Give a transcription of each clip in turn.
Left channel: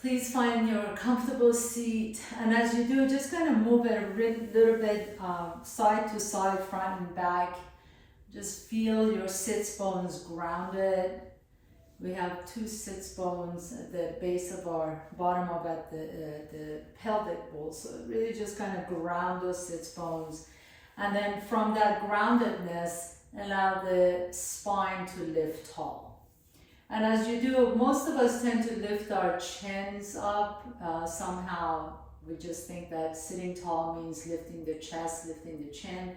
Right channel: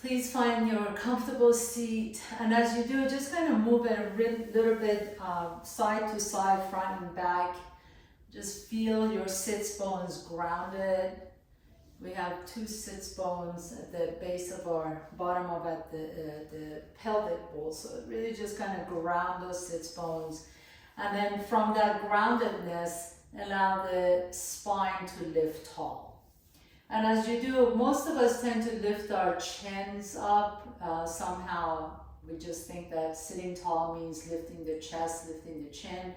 Please find your comfortable seat, and as you do, just kind of move it a little bit side to side, front and back. Just feel your sits bones grounded. We have two sits bones at the base of our bottom of at the pelvic bowl, so really just kind of ground those sits bones. And then from that groundedness, allow the spine to lift tall. And as you do, most of us tend to lift our chins up. Somehow we just think that sitting tall means lifting the chest, lifting the chin.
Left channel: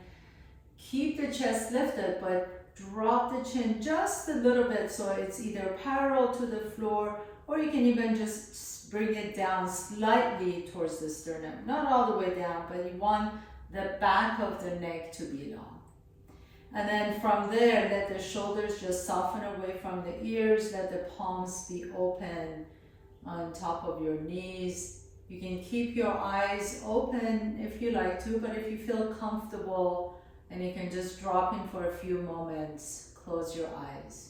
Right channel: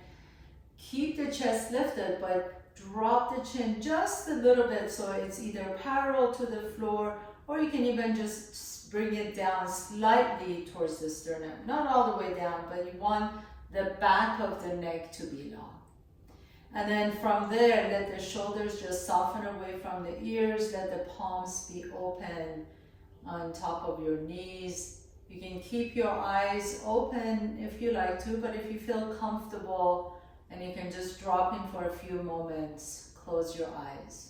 Keep the chest lifted, but drop the chin just a little bit so it's either parallel to the floor, or you can even just bring it down slightly towards the sternum. Not all the way down, but you want the back of the neck to be long. And then from there, let the shoulders just soften away from the ears. Let the palms be open on top of your knees. You can keep your eyes open if you like to, but if you feel comfortable and you can just drop in for a few moments, close your eyes.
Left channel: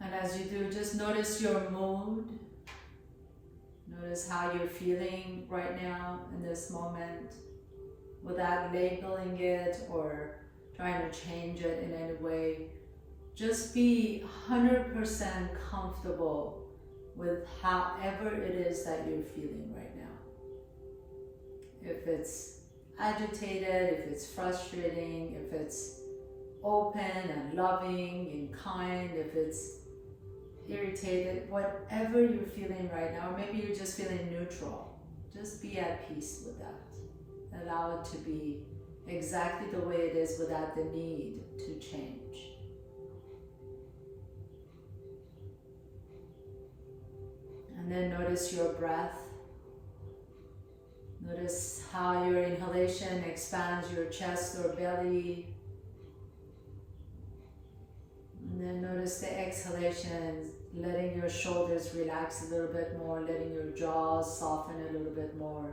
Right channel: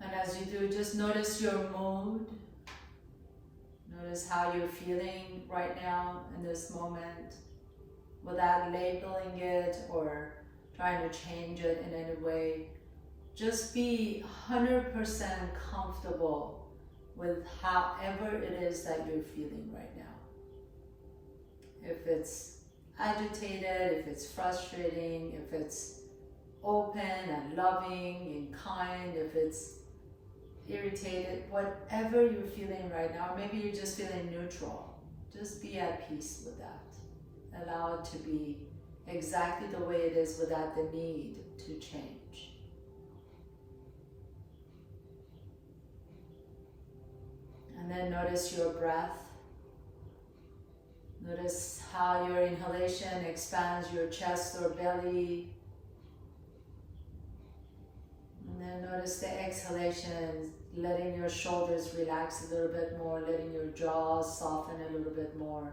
And as you do, just notice your mood. Notice how you're feeling right now in this moment, without labeling it or trying to change it in any way. Just be 100% comfortable with however it is that you're feeling right now. If it's agitated, if it's frustrating, if it's open and loving and kind, if it's irritated, whatever you're feeling right now, or maybe you're just feeling neutral, just be at peace with that. Allow it to be exactly the way it is without the need to change. And then notice your breath. Notice how your inhalation expands your chest or belly. And then notice the exhalation, letting your shoulders relax a little bit more, letting your jaws soften a little bit more.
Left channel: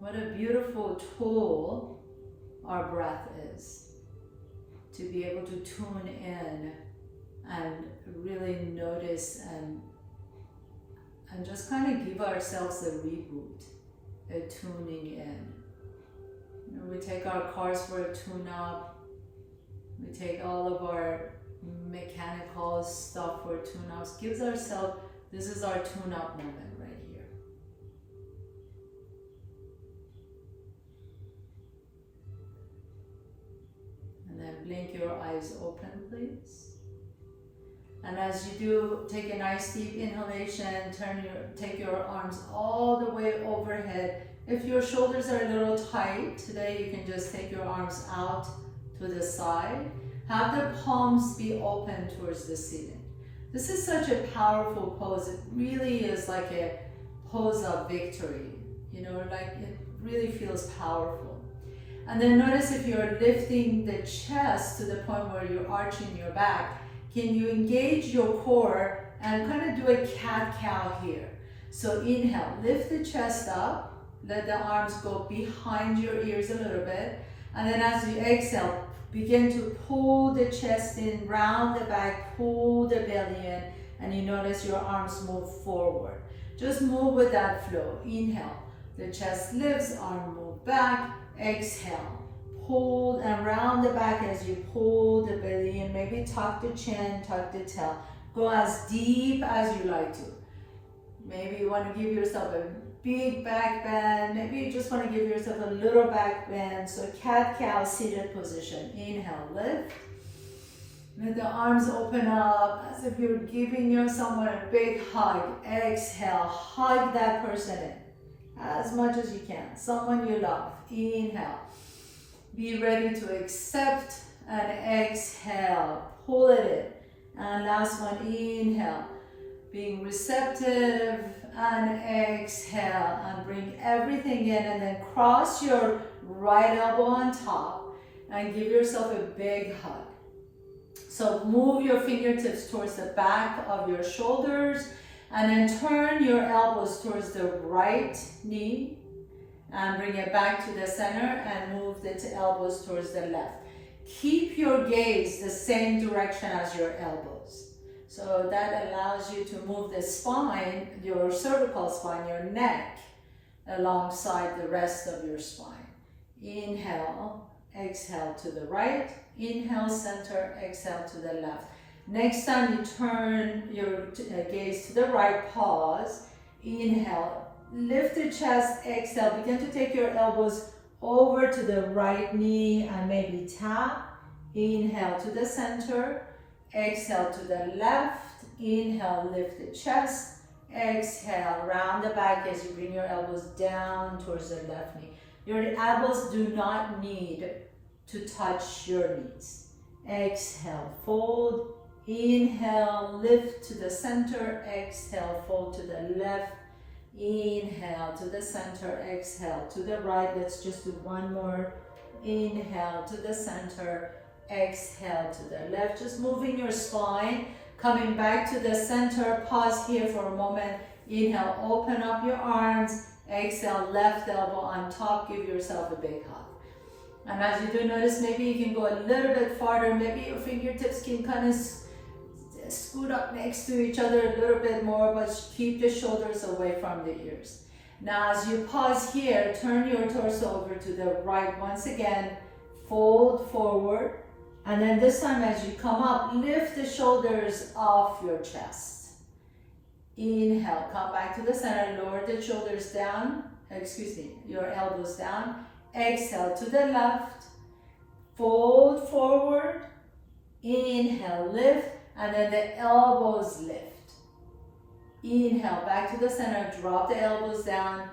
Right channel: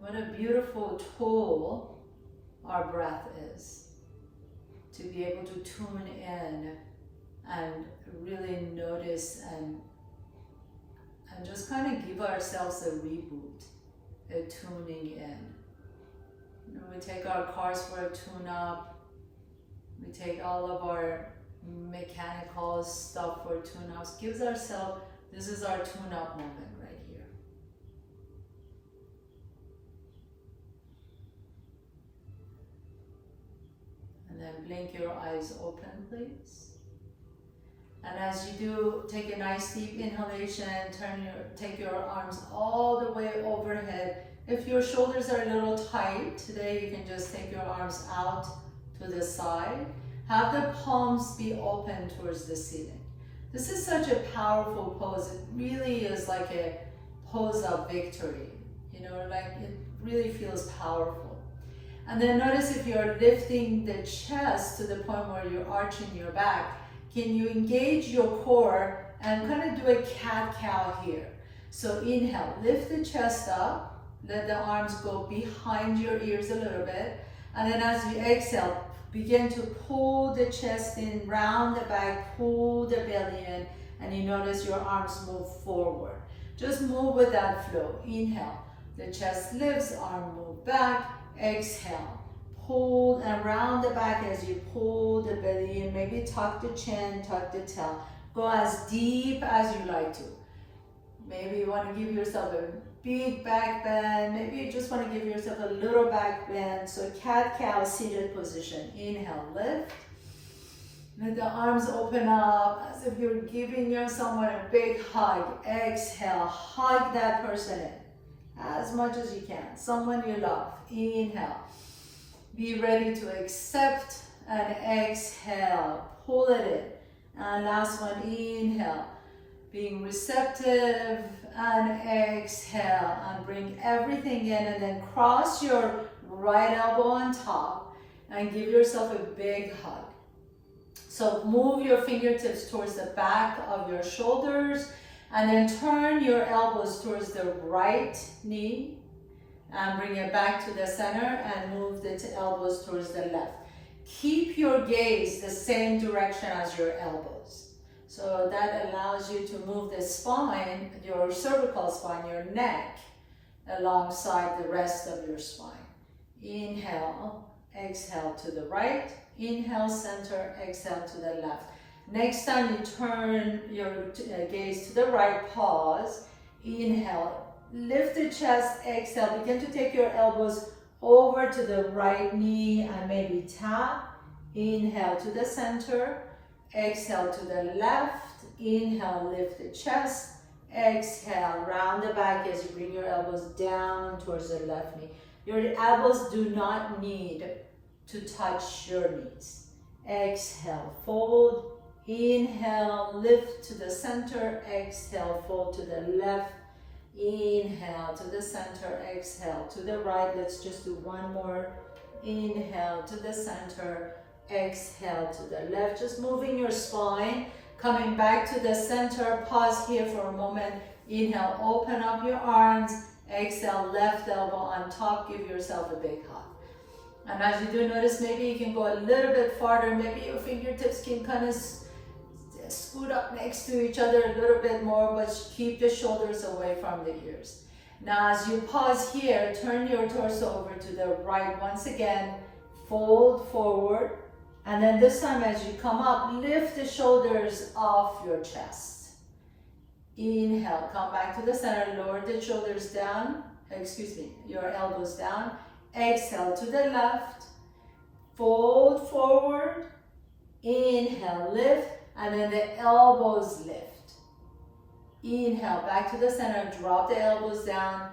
What a beautiful tool our breath is, to be able to tune in and really notice and just kind of give ourselves a reboot, a tuning in. You know, we take our cars for a tune-up, we take all of our mechanical stuff for tune-ups, gives ourselves, this is our tune-up moment right here. And then blink your eyes open, please. And as you do, take a nice deep inhalation, take your arms all the way overhead. If your shoulders are a little tight today, you can just take your arms out to the side. Have the palms be open towards the ceiling. This is such a powerful pose. It really is like a pose of victory. You know, like it really feels powerful. And then notice if you're lifting the chest to the point where you're arching your back, can you engage your core and kind of do a cat-cow here? So inhale, lift the chest up, let the arms go behind your ears a little bit, and then as you exhale, begin to pull the chest in, round the back, pull the belly in, and you notice your arms move forward. Just move with that flow. Inhale, the chest lifts, arm move back, exhale. Pull and round the back as you pull the belly in. Maybe tuck the chin, tuck the tail. Go as deep as you like to. Maybe you want to give yourself a big back bend. Maybe you just want to give yourself a little back bend. So cat-cow seated position. Inhale, lift. Let the arms open up as if you're giving someone a big hug. Exhale, hug that person in as much as you can. Someone you love. Inhale. Be ready to accept and exhale. Pull it in. And last one, inhale. Being receptive and exhale. And bring everything in and then cross your right elbow on top and give yourself a big hug. So move your fingertips towards the back of your shoulders and then turn your elbows towards the right knee and bring it back to the center and move the elbows towards the left. keep your gaze the same direction as your elbows. So that allows you to move the spine, your cervical spine, your neck, alongside the rest of your spine. Inhale, exhale to the right, inhale, center, exhale to the left. Next time you turn your gaze to the right, pause, inhale, lift the chest, exhale, begin to take your elbows over to the right knee and maybe tap. Inhale to the center, exhale to the left, inhale, lift the chest, exhale, round the back as you bring your elbows down towards the left knee. Your elbows do not need to touch your knees. Exhale, fold, inhale, lift to the center, exhale, fold to the left, inhale to the center, exhale to the right. Let's just do one more. Inhale to the center, exhale to the left. Just moving your spine, coming back to the center. Pause here for a moment. Inhale, open up your arms. Exhale, left elbow on top. Give yourself a big hug. And as you do, notice maybe you can go a little bit farther. Maybe your fingertips can kind of scoot up next to each other a little bit more, but keep the shoulders away from the ears. Now as you pause here, turn your torso over to the right once again, fold forward, and then this time as you come up, lift the shoulders off your chest. Inhale, come back to the center, lower the shoulders down, your elbows down. Exhale to the left, fold forward, inhale, lift, and then the elbows lift. Inhale, back to the center, drop the elbows down,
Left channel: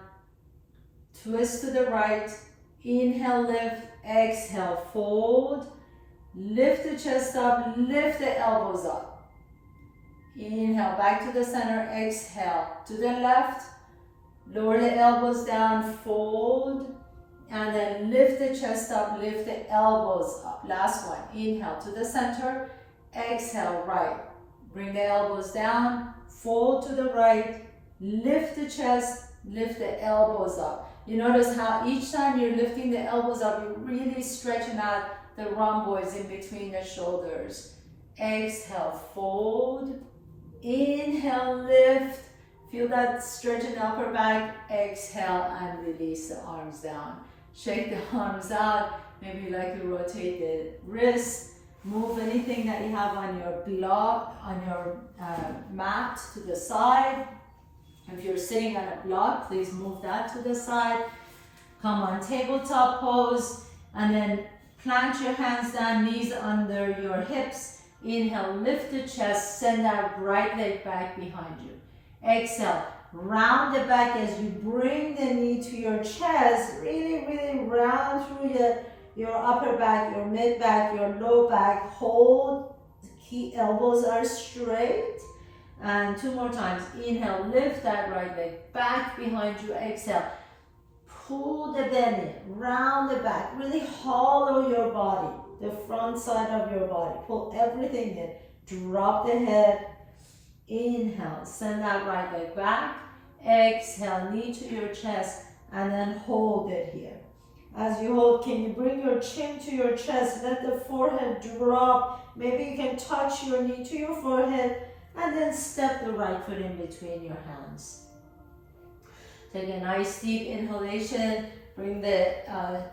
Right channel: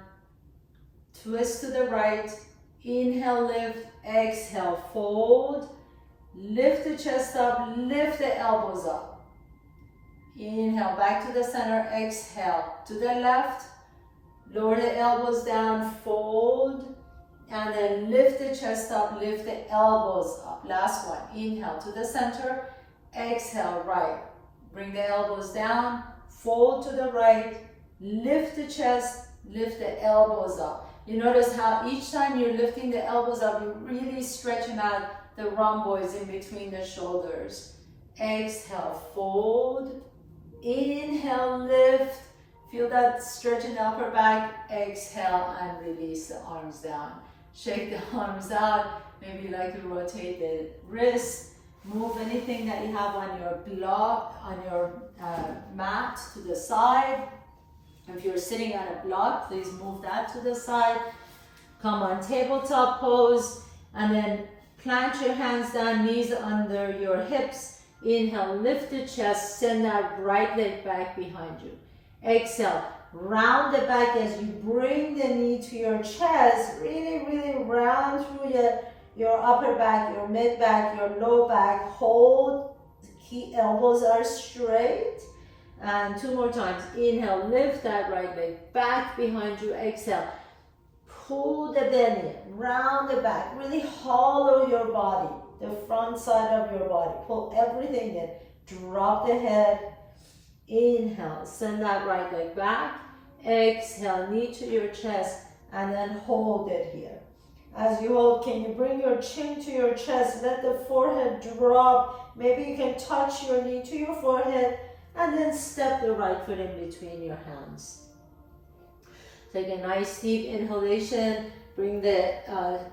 twist to the right, inhale, lift, exhale, fold, lift the chest up, lift the elbows up. Inhale, back to the center, exhale, to the left, lower the elbows down, fold, and then lift the chest up, lift the elbows up. Last one, inhale to the center, exhale, right. Bring the elbows down, fold to the right, lift the chest, lift the elbows up. You notice how each time you're lifting the elbows up, you're really stretching out the rhomboids in between the shoulders. Exhale, fold, inhale, lift. Feel that stretch in the upper back. Exhale and release the arms down. Shake the arms out. Maybe you like to rotate the wrists. Move anything that you have on your block, on your mat to the side. If you're sitting on a block, please move that to the side. Come on, tabletop pose, and then plant your hands down, knees under your hips. Inhale, lift the chest, send that right leg back behind you. Exhale, round the back as you bring the knee to your chest. Really, really round through your upper back, your mid back, your low back. Hold, key elbows are straight. And two more times. Inhale, lift that right leg back behind you. Exhale, pull the belly, round the back. Really hollow your body, the front side of your body. Pull everything in. Drop the head. Inhale, send that right leg back. Exhale, knee to your chest, and then hold it here. As you hold, can you bring your chin to your chest? Let the forehead drop. Maybe you can touch your knee to your forehead, and then step the right foot in between your hands. Take a nice deep inhalation. Bring the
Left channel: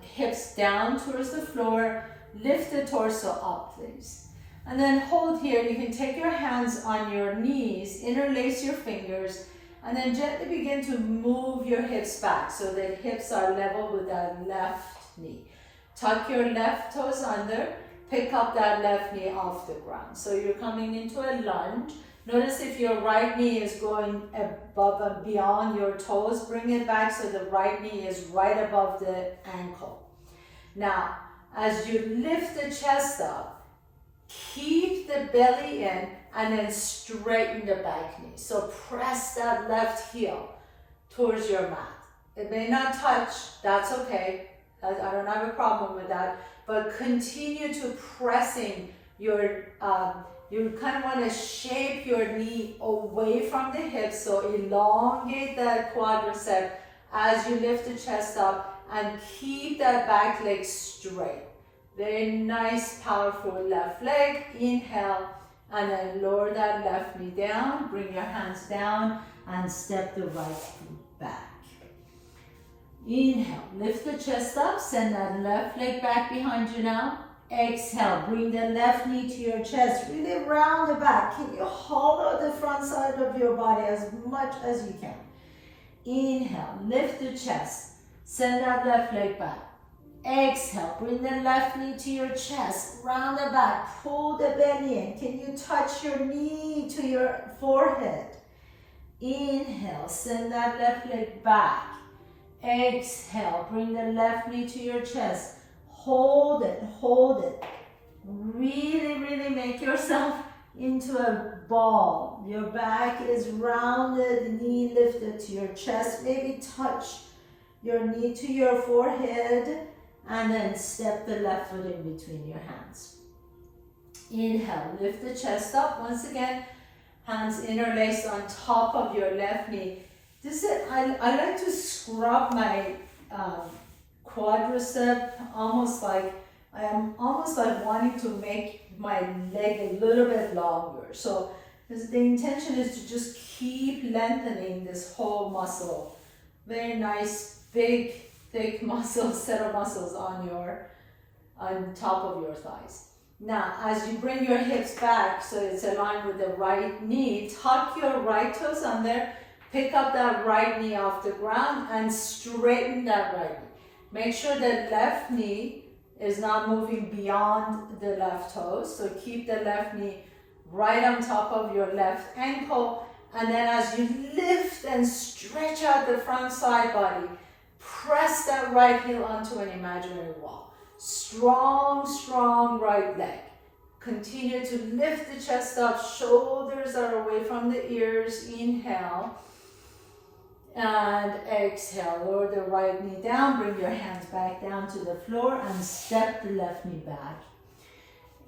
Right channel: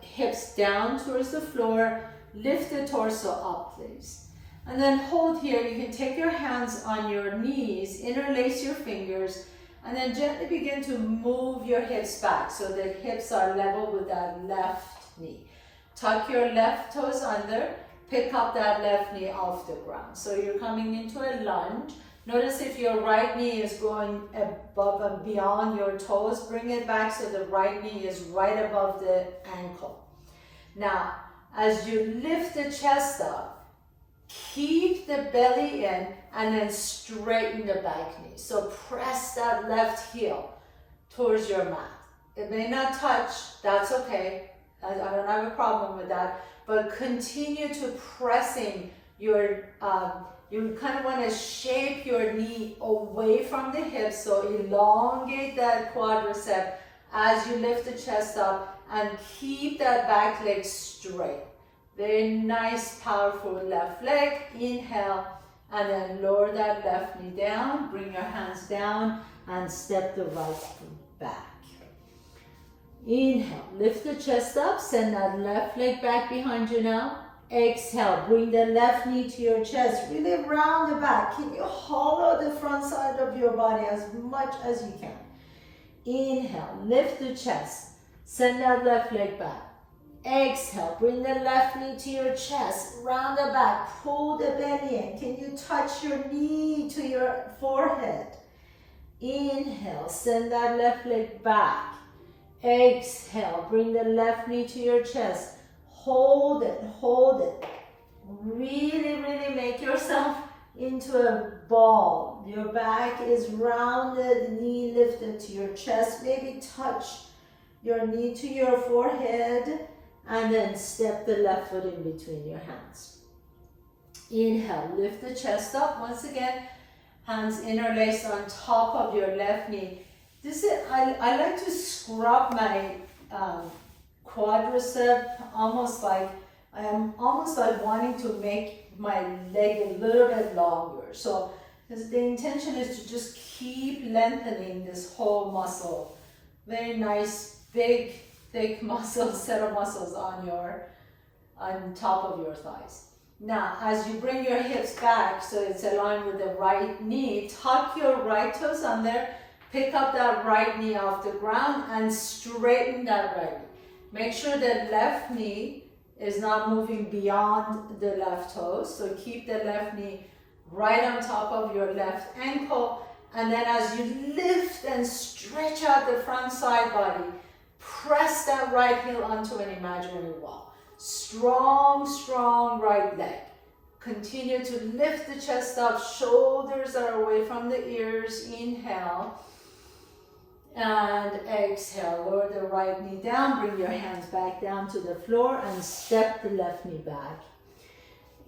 hips down towards the floor. Lift the torso up, please. And then hold here. You can take your hands on your knees, interlace your fingers, and then gently begin to move your hips back so that hips are level with that left knee. Tuck your left toes under, pick up that left knee off the ground. So you're coming into a lunge. Notice if your right knee is going above and beyond your toes, bring it back so the right knee is right above the ankle. Now, as you lift the chest up, keep the belly in and then straighten the back knee. So press that left heel towards your mat. It may not touch, that's okay. I don't have a problem with that. But continue to pressing your, you kind of want to shape your knee away from the hips. So elongate that quadricep as you lift the chest up and keep that back leg straight. Very nice, powerful left leg. Inhale, and then lower that left knee down. Bring your hands down and step the right foot back. Inhale, lift the chest up, send that left leg back behind you now. Exhale, bring the left knee to your chest, really round the back. Can you hollow the front side of your body as much as you can? Inhale, lift the chest, send that left leg back. Exhale, bring the left knee to your chest, round the back, pull the belly in. Can you touch your knee to your forehead? Inhale, send that left leg back. Exhale, bring the left knee to your chest. Hold it, hold it. Really, really make yourself into a ball. Your back is rounded, knee lifted to your chest. Maybe touch your knee to your forehead and then step the left foot in between your hands. Inhale, lift the chest up. Once again, hands interlaced on top of your left knee. This is, I like to scrub my quadricep, almost like I am almost like wanting to make my leg a little bit longer. So the intention is to just keep lengthening this whole muscle. Very nice, big, thick muscle, set of muscles on top of your thighs. Now, as you bring your hips back so it's aligned with the right knee, tuck your right toes under, pick up that right knee off the ground and straighten that right knee. Make sure the left knee is not moving beyond the left toes. So keep the left knee right on top of your left ankle. And then as you lift and stretch out the front side body, press that right heel onto an imaginary wall. Strong, strong right leg. Continue to lift the chest up. Shoulders are away from the ears. Inhale. And exhale, lower the right knee down, bring your hands back down to the floor and step the left knee back.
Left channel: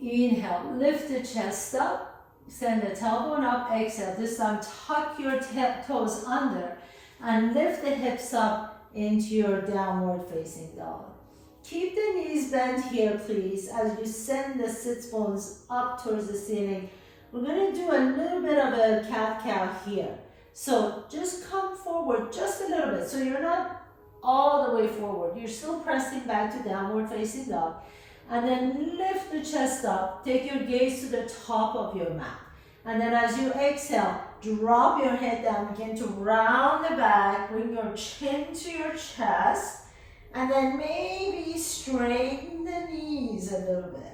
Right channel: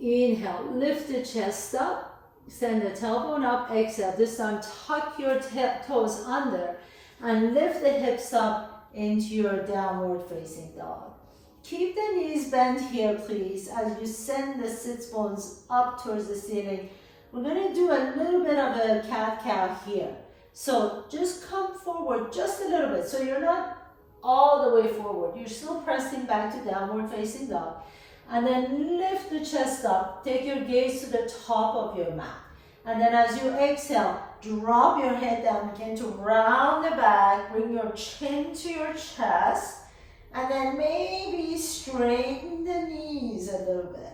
Inhale, lift the chest up, send the tailbone up, exhale. This time tuck your toes under and lift the hips up into your downward facing dog. Keep the knees bent here, please, as you send the sits bones up towards the ceiling. We're going to do a little bit of a cat-cow here. So just come forward just a little bit. So you're not all the way forward. You're still pressing back to downward facing dog. And then lift the chest up. Take your gaze to the top of your mat. And then as you exhale, drop your head down. Begin to round the back. Bring your chin to your chest. And then maybe straighten the knees a little bit.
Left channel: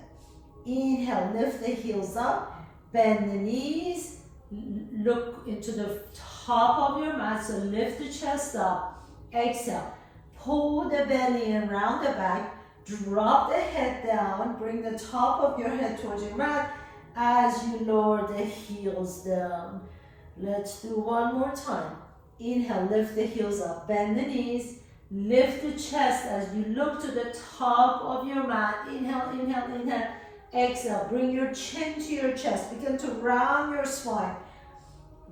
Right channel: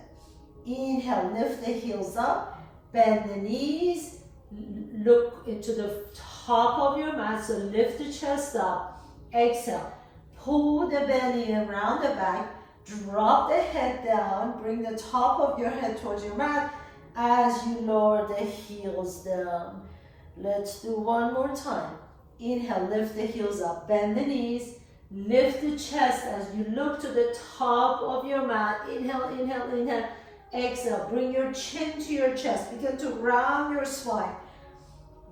Inhale, lift the heels up. Bend the knees. Look into the top of your mat, so lift the chest up. Exhale, pull the belly in around the back, drop the head down, bring the top of your head towards your mat as you lower the heels down. Let's do one more time. Inhale, lift the heels up, bend the knees, lift the chest as you look to the top of your mat. Inhale, inhale, inhale. Exhale, bring your chin to your chest. Begin to round your spine.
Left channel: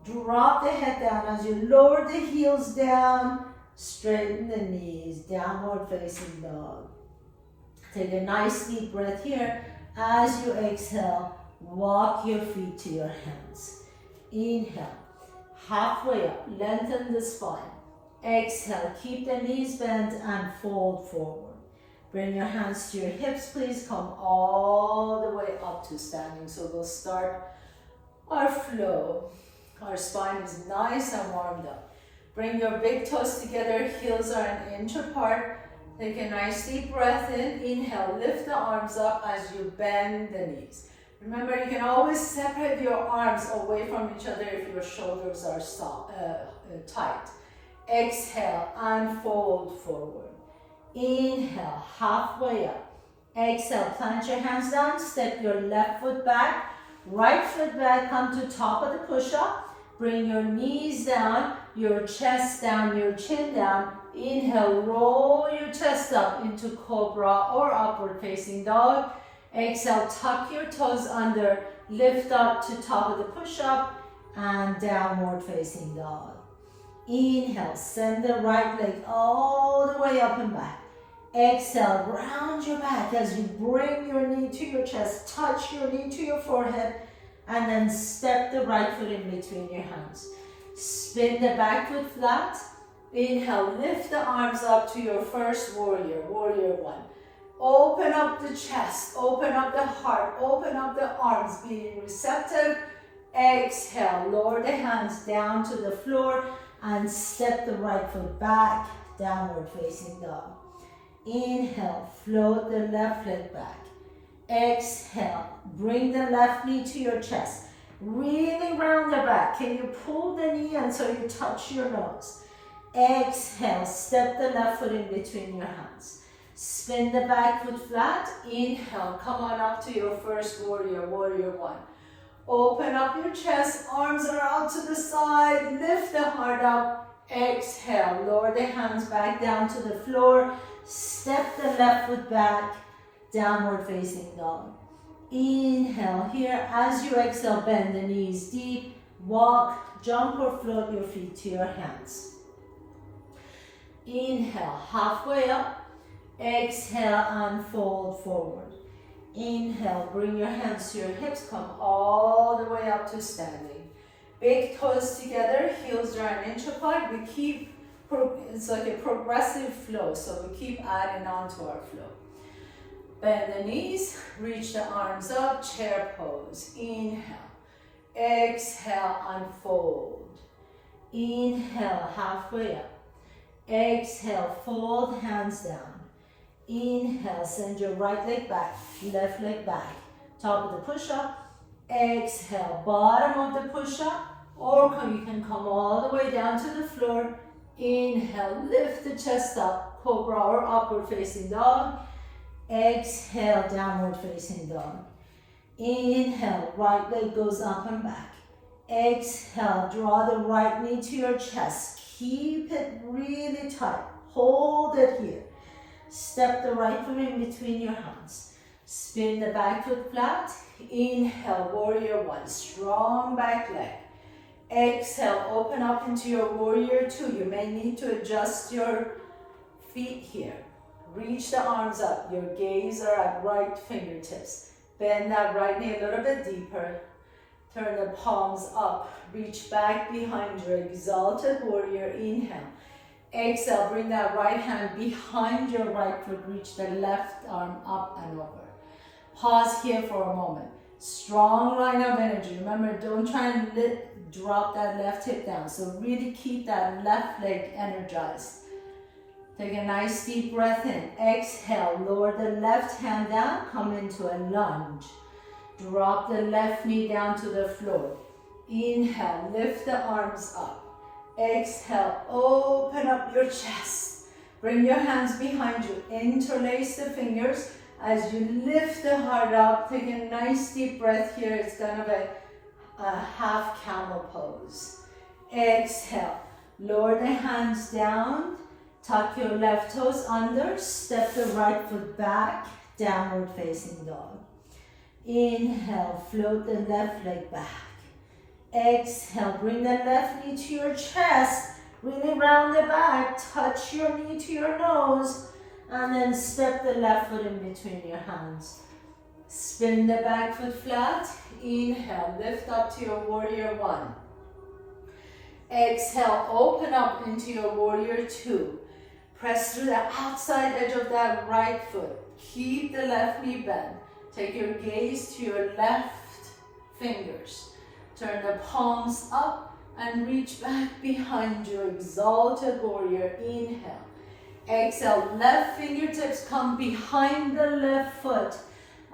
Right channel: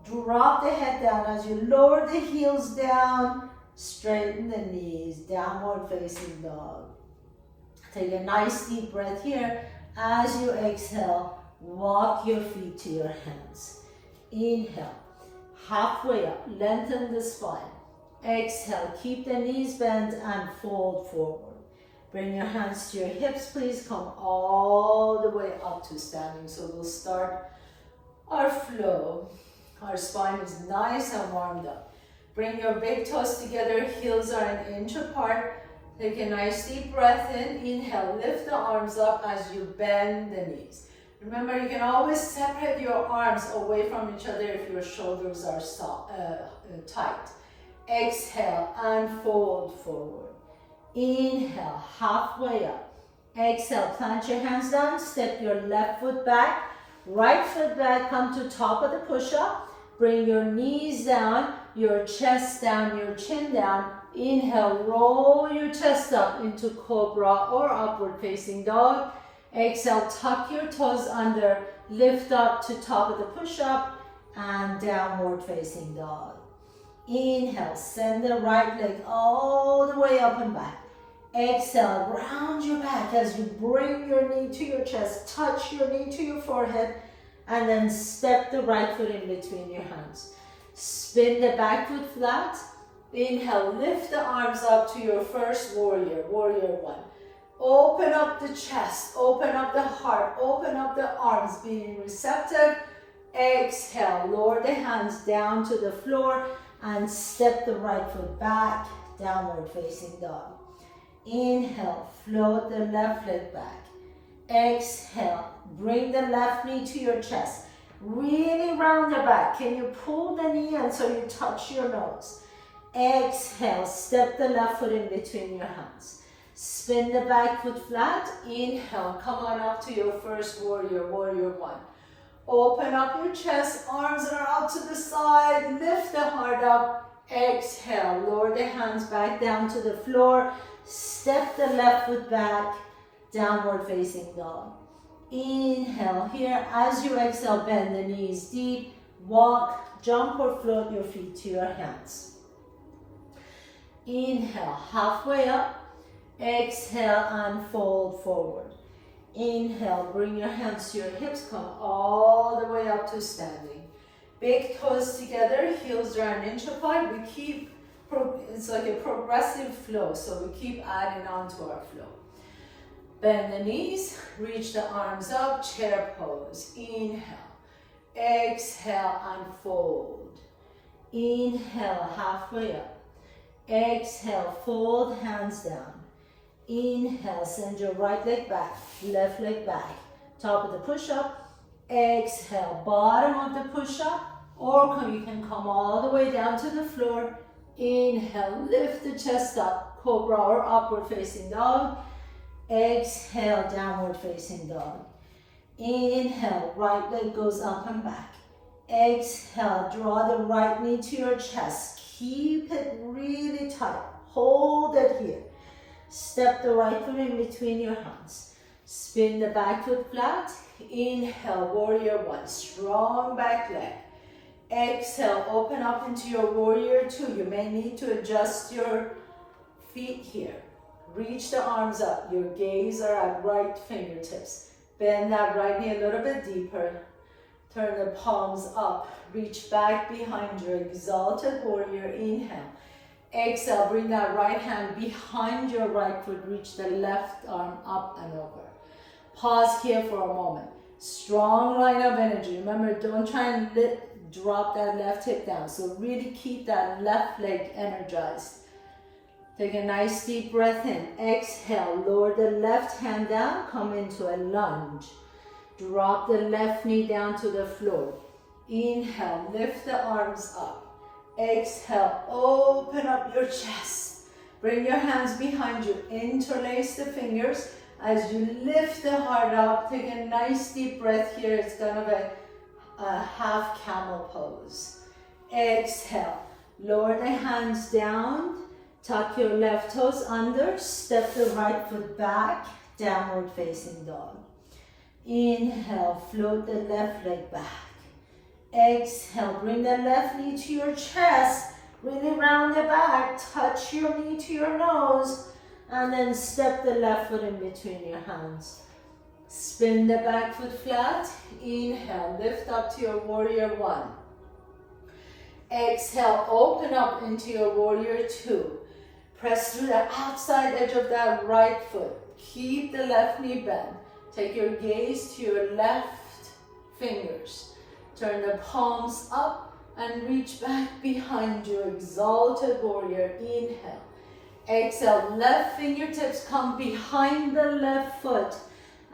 Drop the head down as you lower the heels down. Straighten the knees, downward facing dog. Take a nice deep breath here. As you exhale, walk your feet to your hands. Inhale, halfway up, lengthen the spine. Exhale, keep the knees bent and fold forward. Bring your hands to your hips, please. Come all the way up to standing. So we'll start our flow. Our spine is nice and warmed up. Bring your big toes together. Heels are an inch apart. Take a nice deep breath in. Inhale, lift the arms up as you bend the knees. Remember, you can always separate your arms away from each other if your shoulders are tight. Exhale and fold forward. Inhale, halfway up. Exhale, plant your hands down, step your left foot back, right foot back, come to top of the push-up. Bring your knees down, your chest down, your chin down. Inhale, roll your chest up into cobra or upward facing dog. Exhale, tuck your toes under, lift up to top of the push-up and downward facing dog. Inhale, send the right leg all the way up and back. Exhale, round your back as you bring your knee to your chest, touch your knee to your forehead, and then step the right foot in between your hands. Spin the back foot flat. Inhale, lift the arms up to your first warrior, warrior one. Open up the chest, open up the heart, open up the arms, being receptive. Exhale, lower the hands down to the floor and step the right foot back, downward facing dog. Inhale, float the left leg back. Exhale, bring the left knee to your chest. Really round the back. Can you pull the knee until you touch your nose? Exhale, step the left foot in between your hands. Spin the back foot flat. Inhale, come on up to your first warrior, warrior one. Open up your chest, arms are out to the side, lift the heart up. Exhale, lower the hands back down to the floor. Step the left foot back, downward facing dog. Inhale here. As you exhale, bend the knees deep. Walk, jump or float your feet to your hands. Inhale, halfway up. Exhale and fold forward. Inhale, bring your hands to your hips, come all the way up to standing. Big toes together, heels are an inch apart. We keep, it's like a progressive flow, so we keep adding on to our flow. Bend the knees, reach the arms up, chair pose. Inhale, exhale and fold. Inhale, halfway up. Exhale, fold hands down. Inhale, send your right leg back, left leg back. Top of the push-up. Exhale, bottom of the push-up. Or you can come all the way down to the floor. Inhale, lift the chest up, cobra or upward facing dog. Exhale, downward facing dog. Inhale, right leg goes up and back. Exhale, draw the right knee to your chest. Keep it really tight. Hold it here. Step the right foot in between your hands. Spin the back foot flat. Inhale, warrior one, strong back leg. Exhale, open up into your warrior two. You may need to adjust your feet here. Reach the arms up. Your gaze are at right fingertips. Bend that right knee a little bit deeper. Turn the palms up. Reach back behind your exalted warrior. Inhale. Exhale, bring that right hand behind your right foot. Reach the left arm up and over. Pause here for a moment. Strong line of energy. Remember, don't try and drop that left hip down. So really keep that left leg energized. Take a nice deep breath in. Exhale, lower the left hand down. Come into a lunge. Drop the left knee down to the floor. Inhale, lift the arms up. Exhale, open up your chest. Bring your hands behind you. Interlace the fingers. As you lift the heart up, take a nice deep breath here. It's gonna be a half camel pose. Exhale, lower the hands down. Tuck your left toes under. Step the right foot back. Downward facing dog. Inhale, float the left leg back. Exhale, bring the left knee to your chest. Really round the back. Touch your knee to your nose. And then step the left foot in between your hands. Spin the back foot flat. Inhale, lift up to your warrior one. Exhale, open up into your warrior two. Press through the outside edge of that right foot. Keep the left knee bent. Take your gaze to your left fingers. Turn the palms up and reach back behind your exalted warrior. Inhale. Exhale, left fingertips come behind the left foot.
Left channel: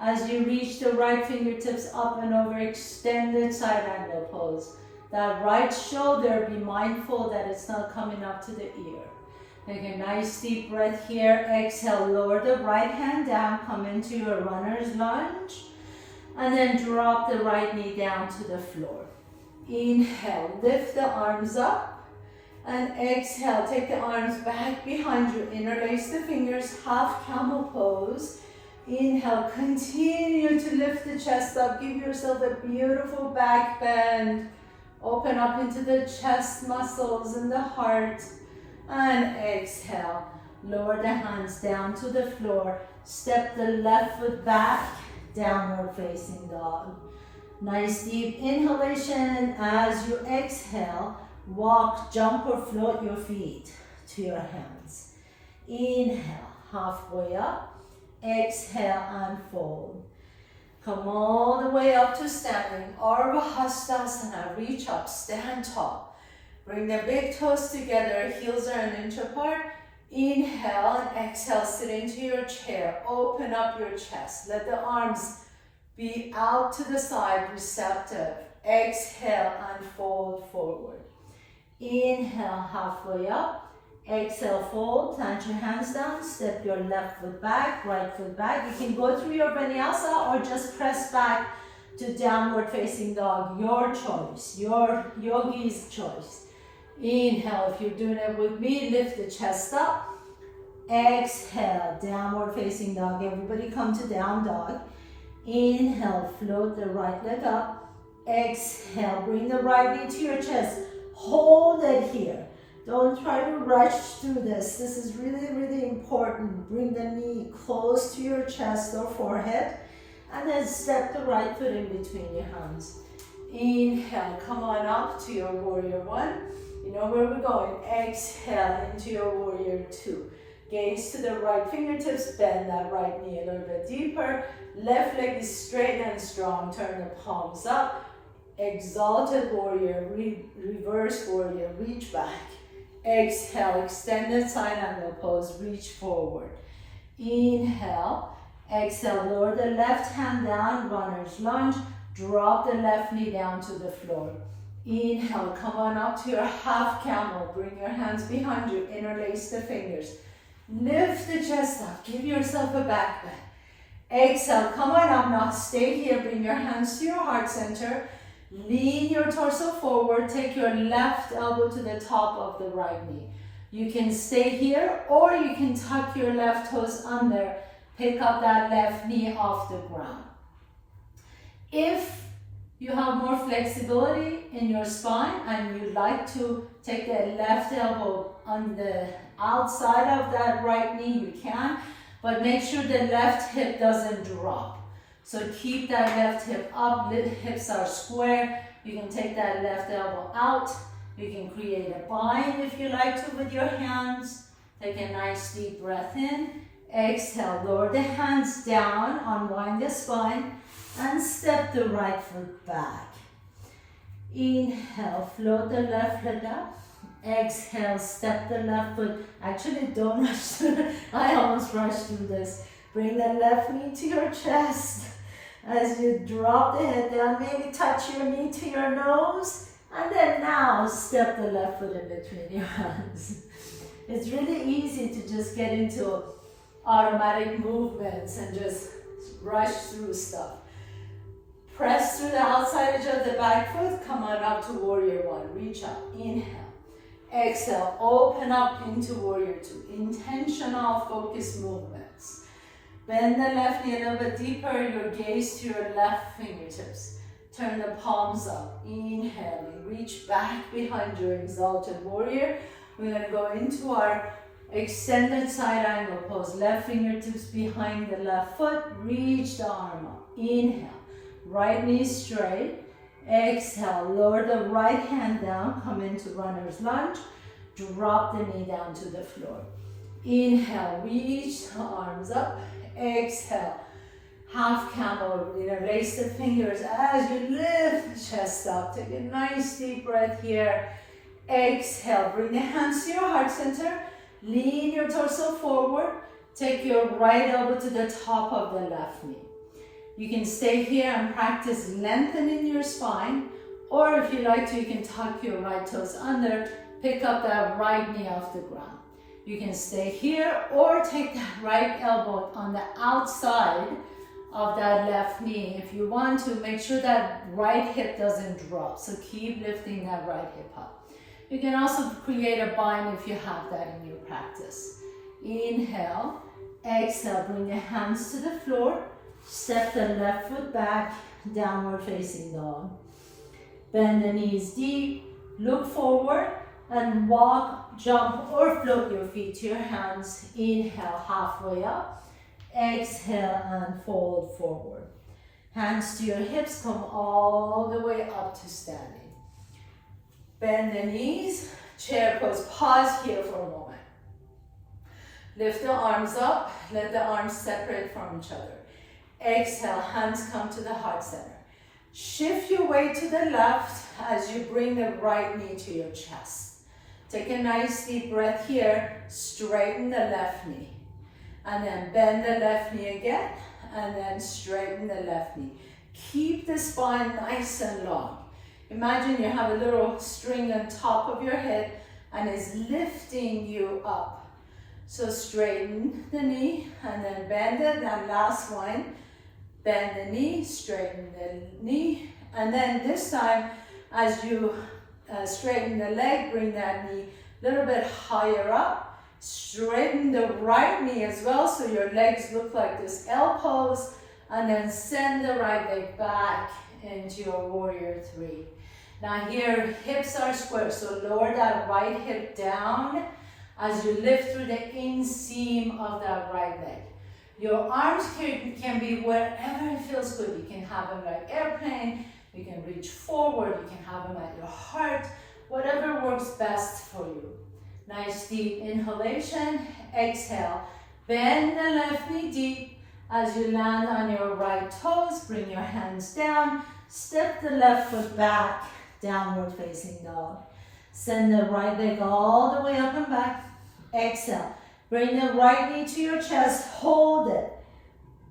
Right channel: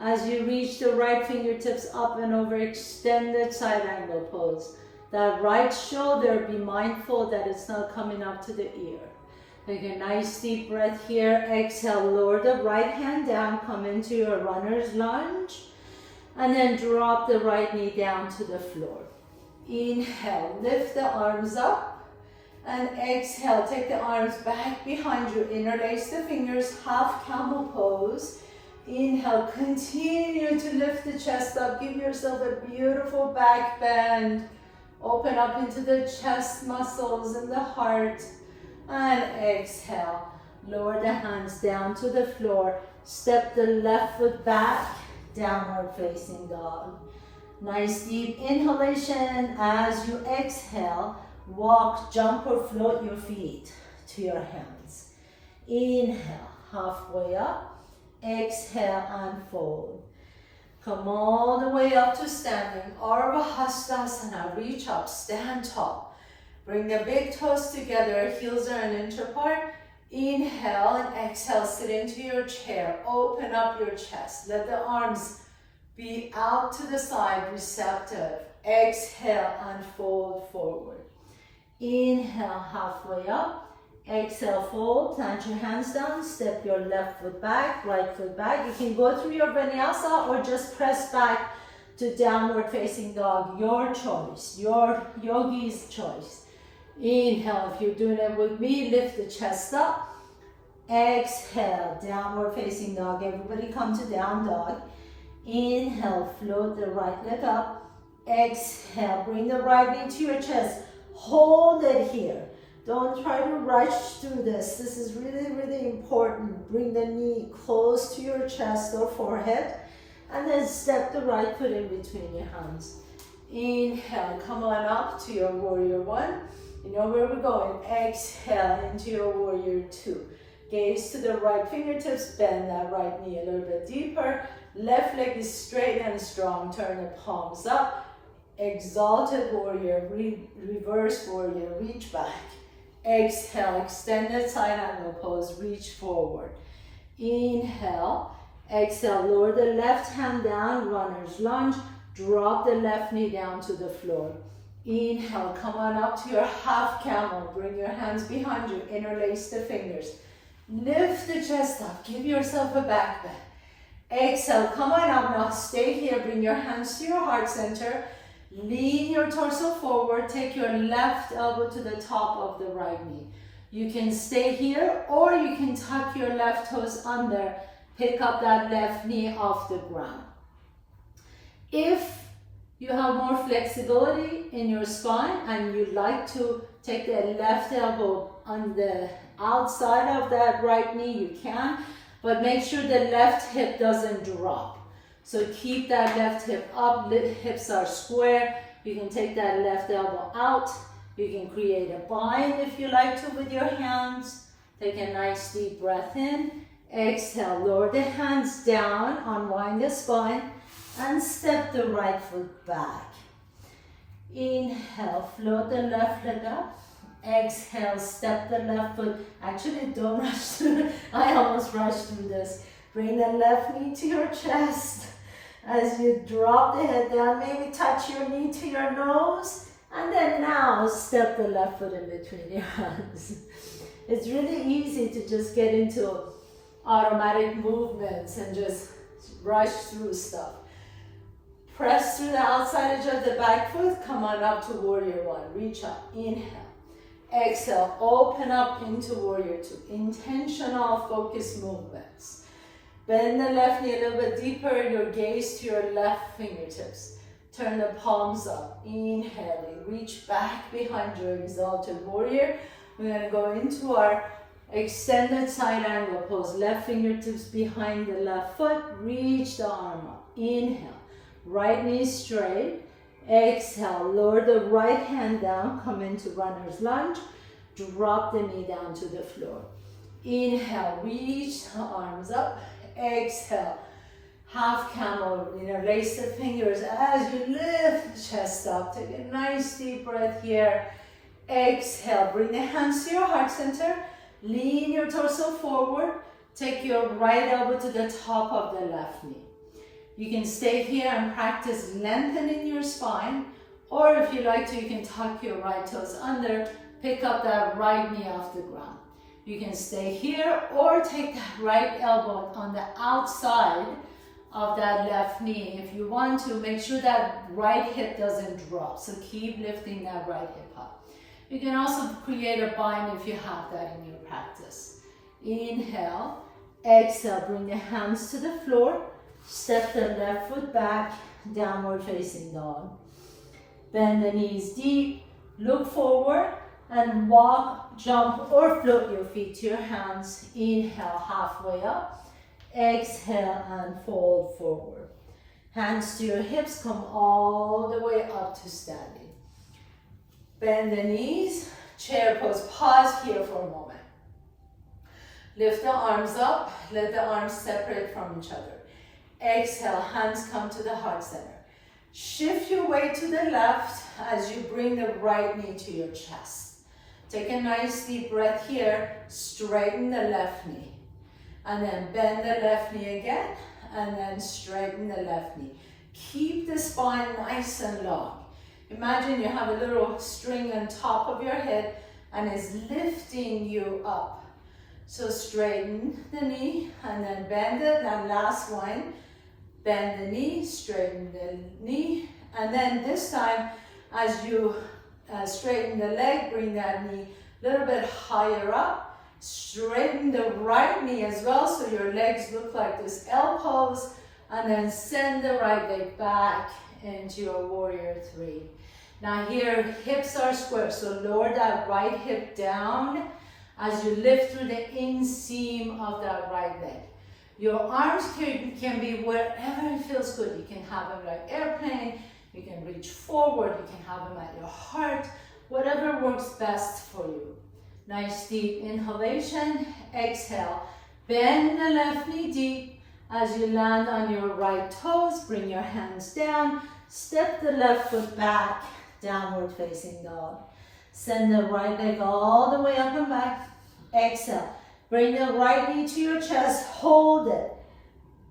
As you reach the right fingertips up and over, extended side angle pose. That right shoulder, be mindful that it's not coming up to the ear. Take a nice deep breath here. Exhale, lower the right hand down, come into your runner's lunge. And then drop the right knee down to the floor. Inhale, lift the arms up. And exhale, take the arms back behind you. Interlace the fingers, half camel pose. Inhale, continue to lift the chest up. Give yourself a beautiful back bend. Open up into the chest muscles and the heart. And exhale, lower the hands down to the floor, step the left foot back, downward facing dog. Nice deep inhalation. As you exhale, walk, jump or float your feet to your hands. Inhale, halfway up. Exhale and fold. Come all the way up to standing. Ardha Hastasana. Reach up, stand tall. Bring the big toes together, heels are an inch apart. Inhale and exhale, sit into your chair. Open up your chest. Let the arms be out to the side, receptive. Exhale and fold forward. Inhale, halfway up. Exhale, fold, plant your hands down, step your left foot back, right foot back. You can go through your vinyasa or just press back to downward facing dog. Your choice, your yogi's choice. Inhale, if you're doing it with me, lift the chest up. Exhale, downward facing dog. Everybody come to down dog. Inhale, float the right leg up. Exhale, bring the right knee to your chest. Hold it here. Don't try to rush through this. This is really, really important. Bring the knee close to your chest or forehead. And then step the right foot in between your hands. Inhale, come on up to your warrior one. You know where we're going. Exhale into your warrior two. Gaze to the right fingertips, bend that right knee a little bit deeper. Left leg is straight and strong. Turn the palms up. Exalted warrior, reverse warrior, reach back. Exhale, extended side angle pose, reach forward. Inhale, exhale, lower the left hand down, runner's lunge. Drop the left knee down to the floor. Inhale, come on up to your half camel. Bring your hands behind you, interlace the fingers. Lift the chest up, give yourself a back bend. Exhale, come on up now, stay here, bring your hands to your heart center. Lean your torso forward, take your left elbow to the top of the right knee. You can stay here or you can tuck your left toes under, pick up that left knee off the ground. If you have more flexibility in your spine and you like to take the left elbow on the outside of that right knee, you can, but make sure the left hip doesn't drop. So keep that left hip up, hips are square. You can take that left elbow out. You can create a bind if you like to with your hands. Take a nice deep breath in. Exhale, lower the hands down, unwind the spine, and step the right foot back. Inhale, float the left leg up. Exhale, step the left foot. Actually, don't rush through. I almost rushed through this. Bring the left knee to your chest. As you drop the head down, maybe touch your knee to your nose. And then now step the left foot in between your hands. It's really easy to just get into automatic movements and just rush through stuff. Press through the outside edge of the back foot. Come on up to warrior one. Reach up. Inhale. Exhale. Open up into warrior two. Intentional focused movements. Bend the left knee a little bit deeper, your gaze to your left fingertips. Turn the palms up. Inhaling, reach back behind your exalted warrior. We're going to go into our extended side angle pose. Left fingertips behind the left foot. Reach the arm up. Inhale, right knee straight. Exhale, lower the right hand down. Come into runner's lunge. Drop the knee down to the floor. Inhale, reach the arms up. Exhale, half camel, raise the fingers as you lift the chest up. Take a nice deep breath here. Exhale, bring the hands to your heart center. Lean your torso forward. Take your right elbow to the top of the left knee. You can stay here and practice lengthening your spine, or if you like to, you can tuck your right toes under, pick up that right knee off the ground. You can stay here or take that right elbow on the outside of that left knee. If you want to, make sure that right hip doesn't drop. So keep lifting that right hip up. You can also create a bind if you have that in your practice. Inhale, exhale, bring the hands to the floor. Step the left foot back, downward facing dog. Bend the knees deep, look forward. and walk, jump, or float your feet to your hands. Inhale, halfway up. Exhale and fold forward. Hands to your hips, come all the way up to standing. Bend the knees, chair pose. Pause here for a moment. Lift the arms up, let the arms separate from each other. Exhale, hands come to the heart center. Shift your weight to the left as you bring the right knee to your chest. Take a nice deep breath here, straighten the left knee. And then bend the left knee again, and then straighten the left knee. Keep the spine nice and long. Imagine you have a little string on top of your head and it's lifting you up. So straighten the knee and then bend it. And last one, bend the knee, straighten the knee. And then this time, as you straighten the leg, bring that knee a little bit higher up. Straighten the right knee as well, so your legs look like this L pose. And then send the right leg back into your warrior three. Now here, hips are square, so lower that right hip down as you lift through the inseam of that right leg. Your arms can be wherever it feels good. You can have them like airplane, you can reach forward, you can have them at your heart, whatever works best for you. Nice deep inhalation, exhale. Bend the left knee deep as you land on your right toes. Bring your hands down, step the left foot back, downward facing dog. Send the right leg all the way up and back. Exhale. Bring the right knee to your chest. Hold it.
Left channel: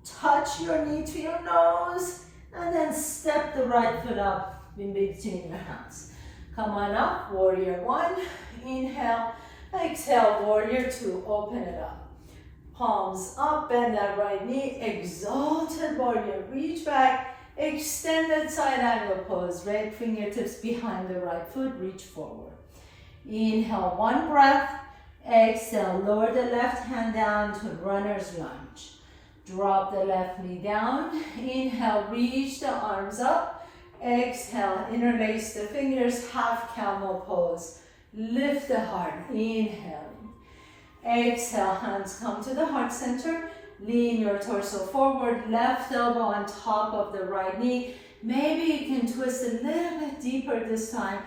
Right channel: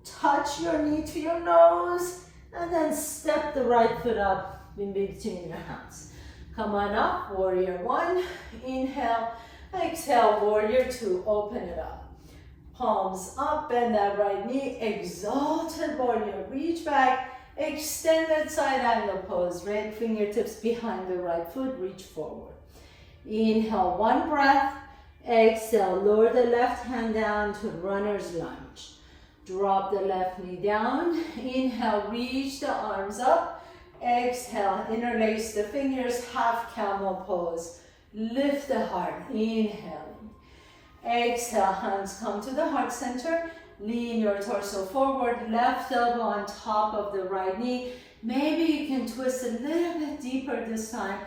Touch your knee to your nose. And then step the right foot up in between your hands. Come on up. Warrior one. Inhale. Exhale. Warrior two. Open it up. Palms up. Bend that right knee. Exalted warrior. Reach back. Extended side angle pose. Right fingertips behind the right foot. Reach forward. Inhale, one breath. Exhale, lower the left hand down to runner's lunge. Drop the left knee down. Inhale, reach the arms up. Exhale, interlace the fingers, half camel pose. Lift the heart. Inhale. Exhale, hands come to the heart center. Lean your torso forward, left elbow on top of the right knee. Maybe you can twist a little bit deeper this time.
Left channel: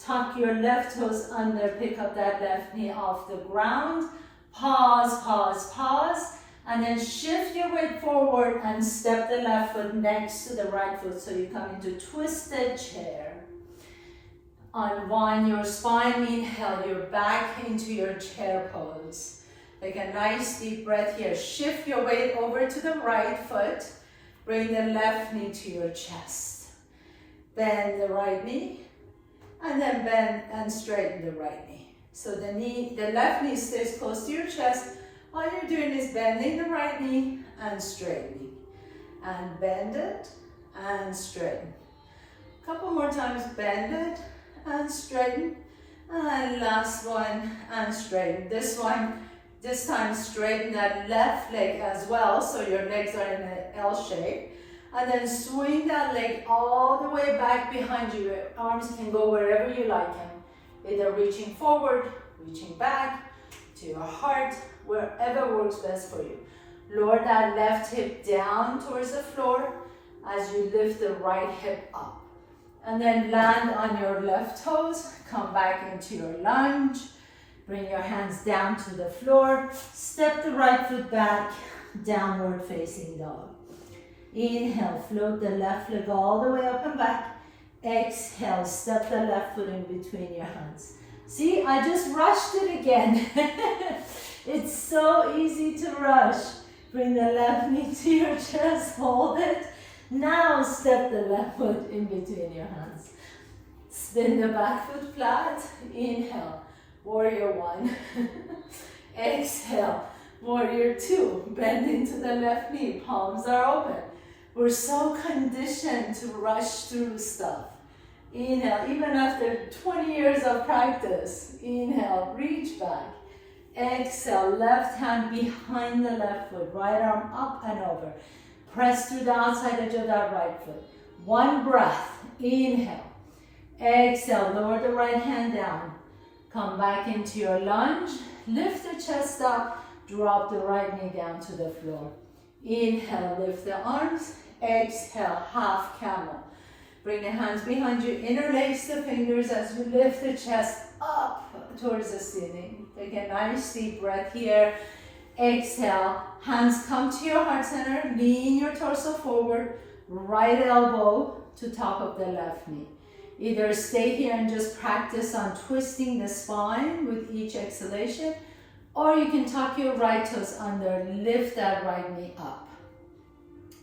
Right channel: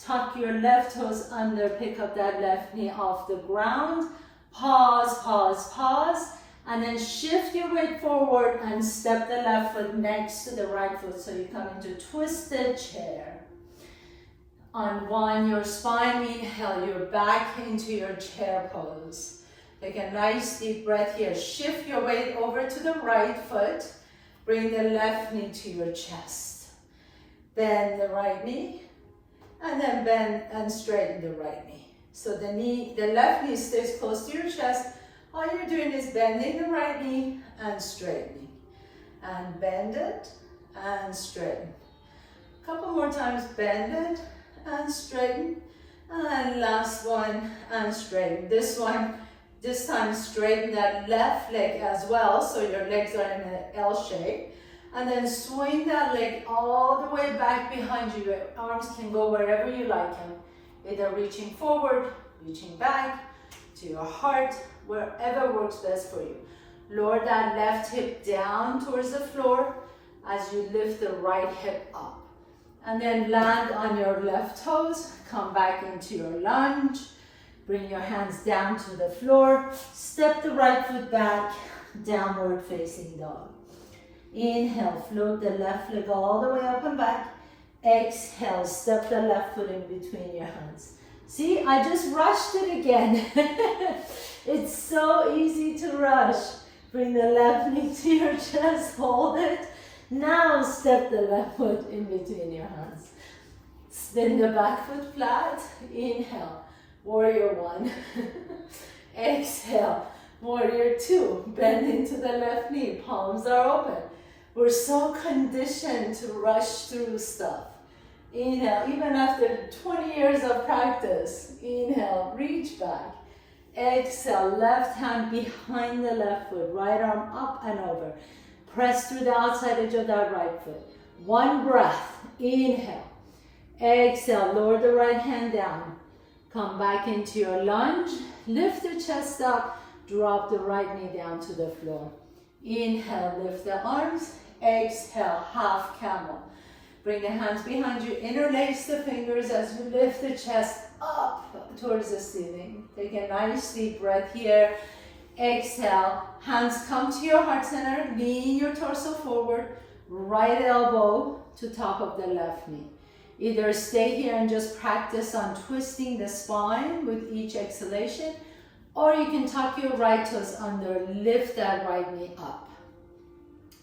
Tuck your left toes under, pick up that left knee off the ground. Pause, pause, pause. And then shift your weight forward and step the left foot next to the right foot so you come into twisted chair. Unwind your spine, inhale, you're back into your chair pose. Take a nice deep breath here. Shift your weight over to the right foot. Bring the left knee to your chest. Bend the right knee. And then bend and straighten the right knee. So the left knee stays close to your chest. All you're doing is bending the right knee and straightening. And bend it and straighten. A couple more times, bend it and straighten. And last one, and straighten. This time straighten that left leg as well, so your legs are in an L shape. And then swing that leg all the way back behind you. Your arms can go wherever you like them. Either reaching forward, reaching back, to your heart, wherever works best for you. Lower that left hip down towards the floor as you lift the right hip up. And then land on your left toes, come back into your lunge. Bring your hands down to the floor. Step the right foot back, downward facing dog. Inhale, float the left leg all the way up and back. Exhale, step the left foot in between your hands. See, I just rushed it again. It's so easy to rush. Bring the left knee to your chest, hold it. Now step the left foot in between your hands. Spin the back foot flat. Inhale, warrior one. Exhale, warrior two. Bend into the left knee, palms are open. We're so conditioned to rush through stuff. Inhale, even after 20 years of practice. Inhale, reach back. Exhale, left hand behind the left foot, right arm up and over. Press through the outside edge of that right foot. One breath. Inhale. Exhale, lower the right hand down. Come back into your lunge. Lift the chest up. Drop the right knee down to the floor. Inhale, lift the arms. Exhale, half camel. Bring the hands behind you. Interlace the fingers as you lift the chest up towards the ceiling. Take a nice deep breath here. Exhale, hands come to your heart center. Lean your torso forward. Right elbow to top of the left knee. Either stay here and just practice on twisting the spine with each exhalation, or you can tuck your right toes under, lift that right knee up.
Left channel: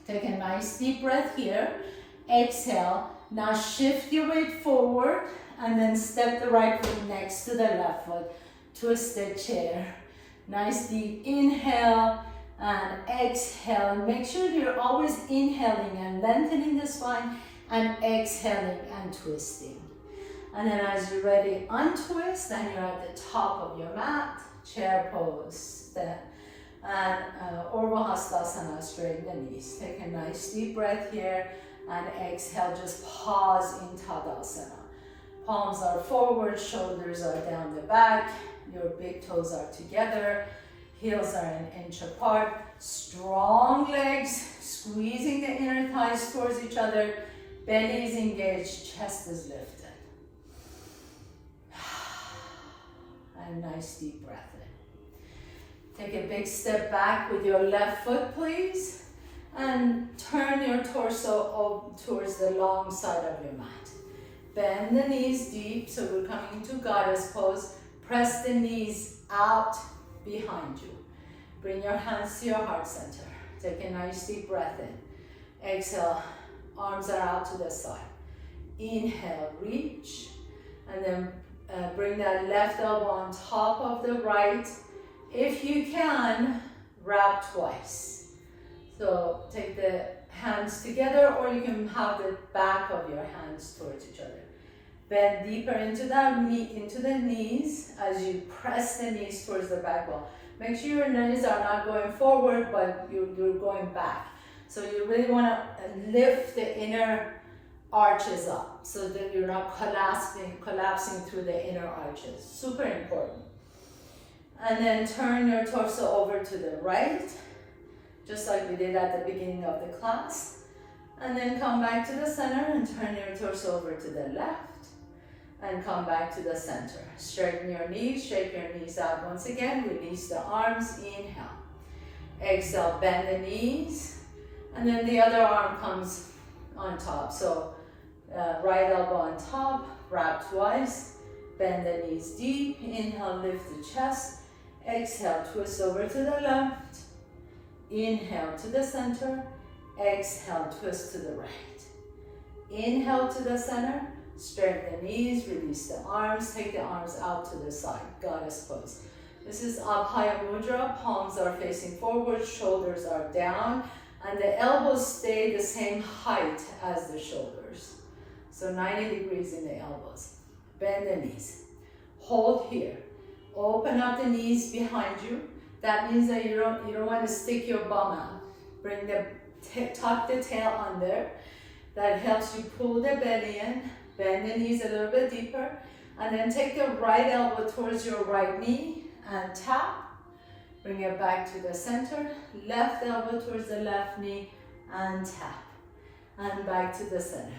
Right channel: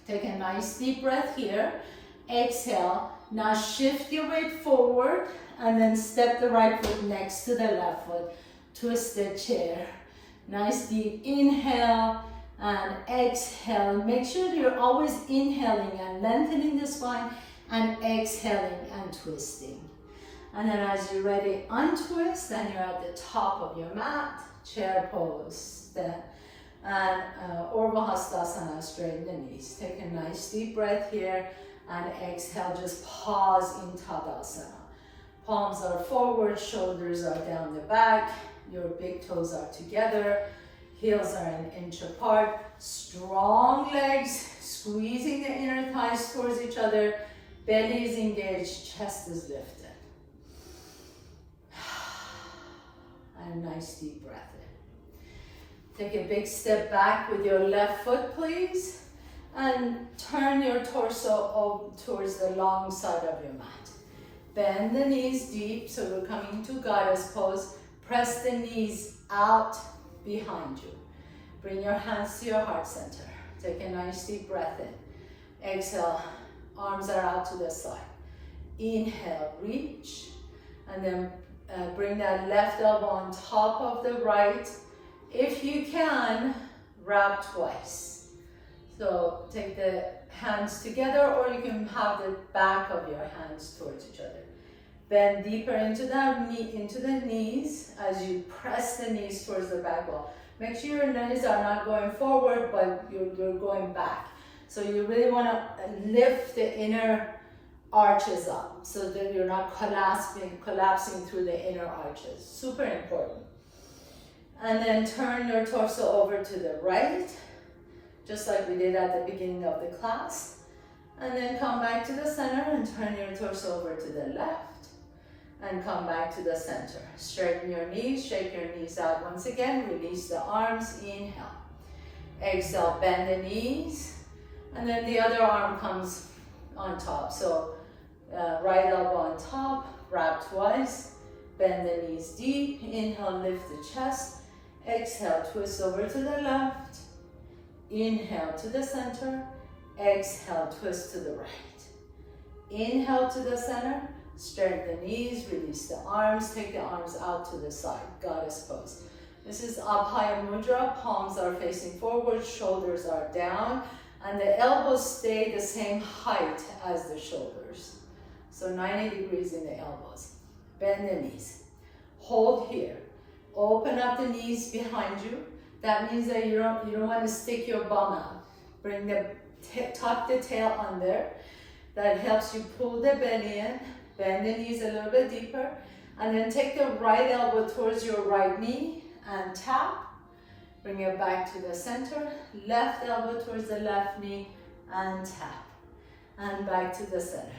Take a nice deep breath here. Exhale. Now shift your weight forward and then step the right foot next to the left foot. Twist the chair. Nice deep inhale and exhale. Make sure you're always inhaling and lengthening the spine and exhaling and twisting. And then as you're ready, untwist and you're at the top of your mat, chair pose. And Urdhva Hastasana, straighten the knees. Take a nice deep breath here and exhale, just pause in Tadasana. Palms are forward, shoulders are down the back, your big toes are together, heels are an inch apart, strong legs, squeezing the inner thighs towards each other, belly is engaged, chest is lifted. And nice deep breath in. Take a big step back with your left foot, please, and turn your torso towards the long side of your mat. Bend the knees deep, so we're coming into goddess pose. Press the knees out behind you. Bring your hands to your heart center. Take a nice deep breath in. Exhale, arms are out to the side. Inhale, reach, and then bring that left elbow on top of the right. If you can, wrap twice. So take the hands together, or you can have the back of your hands towards each other. Bend deeper into the knees as you press the knees towards the back wall. Make sure your knees are not going forward, but you're going back. So you really want to lift the inner arches up so that you're not collapsing through the inner arches. Super important. And then turn your torso over to the right, just like we did at the beginning of the class. And then come back to the center and turn your torso over to the left and come back to the center. Straighten your knees, shake your knees out once again, release the arms, inhale. Exhale, bend the knees, and then the other arm comes on top. So right elbow on top, wrap twice, bend the knees deep, inhale, lift the chest, exhale, twist over to the left, inhale to the center, exhale, twist to the right. Inhale to the center, straighten the knees, release the arms, take the arms out to the side, goddess pose. This is Abhaya Mudra, palms are facing forward, shoulders are down, and the elbows stay the same height as the shoulders. So 90 degrees in the elbows. Bend the knees. Hold here. Open up the knees behind you. That means that you don't want to stick your bum out. Bring tuck the tail under. That helps you pull the belly in. Bend the knees a little bit deeper. And then take the right elbow towards your right knee and tap. Bring it back to the center. Left elbow towards the left knee and tap. And back to the center.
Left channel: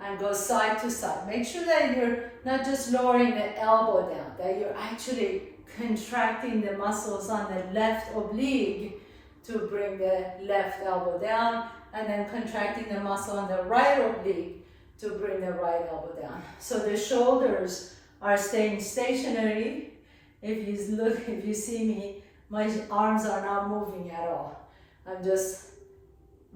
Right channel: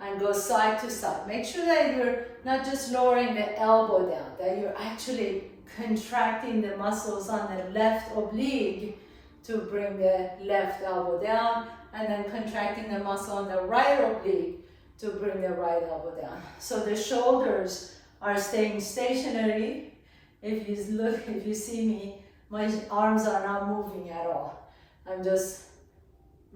And go side to side. Make sure that you're not just lowering the elbow down, that you're actually contracting the muscles on the left oblique to bring the left elbow down, and then contracting the muscle on the right oblique to bring the right elbow down. So the shoulders are staying stationary. If you see me, my arms are not moving at all. I'm just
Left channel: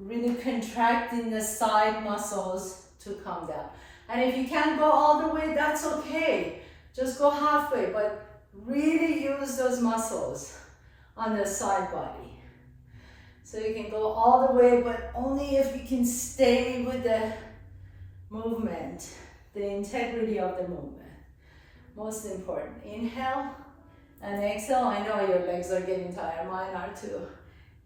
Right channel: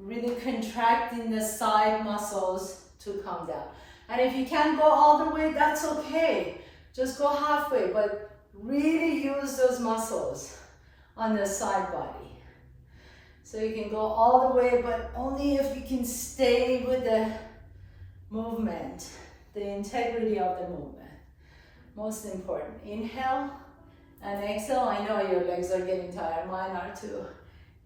really contracting the side muscles to come down. And if you can't go all the way, that's okay. Just go halfway, but really use those muscles on the side body. So you can go all the way, but only if you can stay with the movement, the integrity of the movement. Most important. Inhale and exhale. I know your legs are getting tired, mine are too.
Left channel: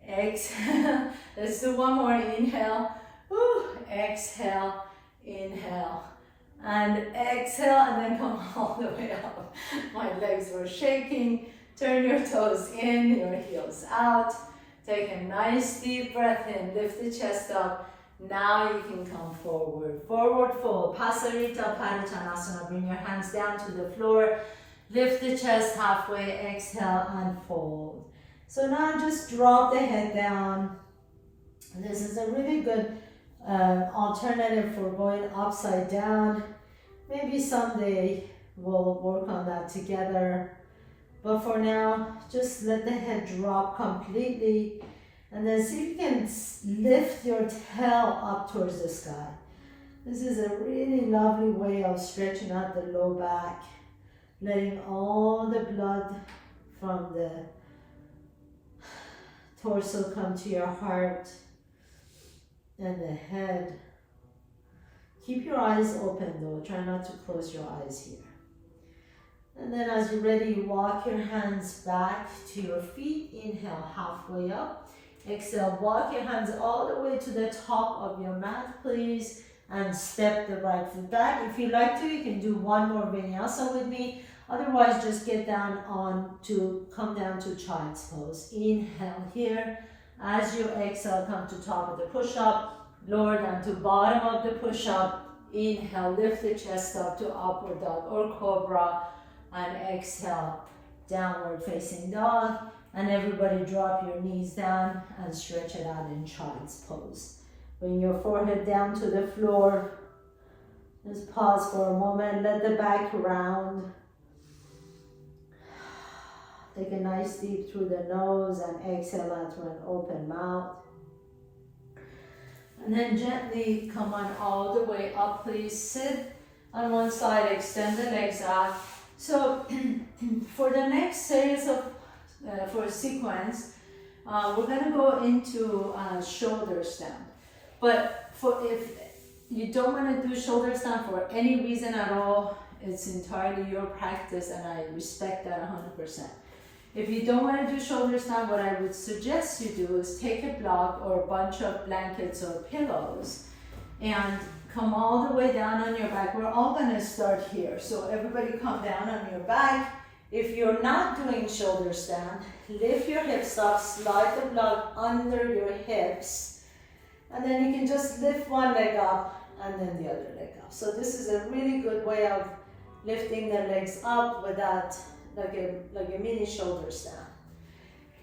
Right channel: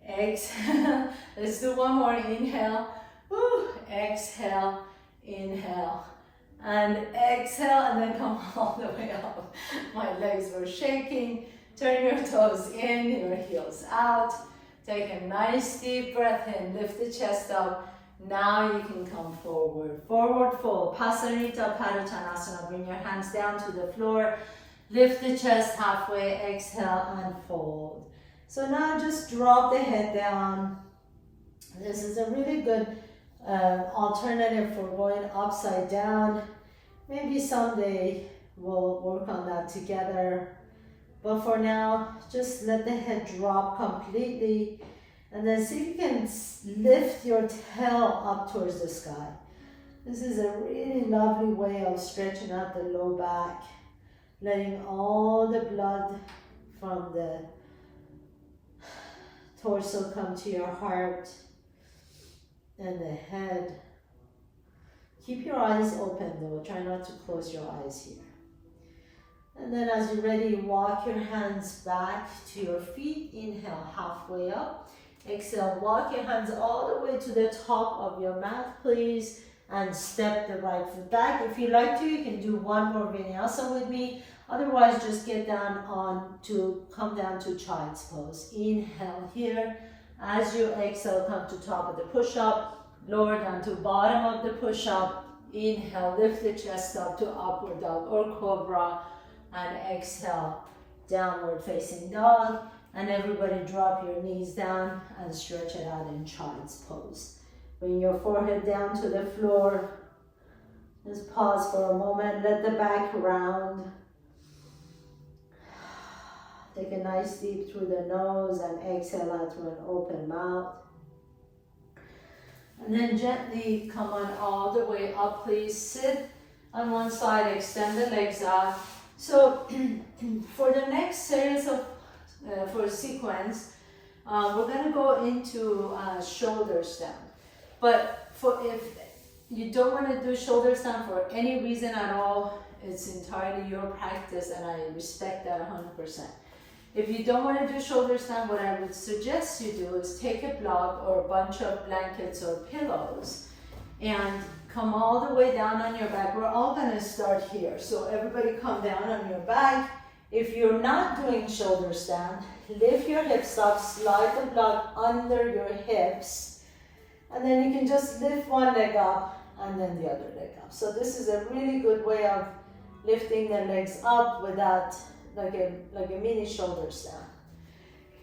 Exhale. Let's do one more. Inhale. Woo. Exhale. Inhale. And exhale, and then come all the way up. My legs were shaking. Turn your toes in, your heels out. Take a nice deep breath in, lift the chest up. Now you can come forward. Forward fold, Pasarita Padottanasana. Bring your hands down to the floor. Lift the chest halfway, exhale and fold. So now just drop the head down. This is a really good alternative for going upside down. Maybe someday we'll work on that together. But for now, just let the head drop completely. And then see if you can lift your tail up towards the sky. This is a really lovely way of stretching out the low back. Letting all the blood from the torso come to your heart and the head. Keep your eyes open though, try not to close your eyes here. And then as you're ready, walk your hands back to your feet. Inhale, halfway up. Exhale, walk your hands all the way to the top of your mat, please. And step the right foot back. If you like to, you can do one more vinyasa with me. Otherwise, just get down come down to child's pose. Inhale here. As you exhale, come to top of the push-up. Lower down to bottom of the push-up. Inhale, lift the chest up to upward dog or cobra. And exhale, downward facing dog. And everybody drop your knees down and stretch it out in child's pose. Bring your forehead down to the floor. Just pause for a moment, let the back round. Take a nice deep through the nose and exhale out through an open mouth. And then gently come on all the way up, please. Sit on one side, extend the legs out. So for the next series of, for sequence, we're gonna go into shoulder stand. But if you don't wanna do shoulder stand for any reason at all, it's entirely your practice and I respect that 100%. If you don't want to do shoulder stand, what I would suggest you do is take a block or a bunch of blankets or pillows and come all the way down on your back. We're all going to start here. So everybody come down on your back. If you're not doing shoulder stand, lift your hips up, slide the block under your hips, and then you can just lift one leg up and then the other leg up. So this is a really good way of lifting the legs up without like a mini shoulder stand.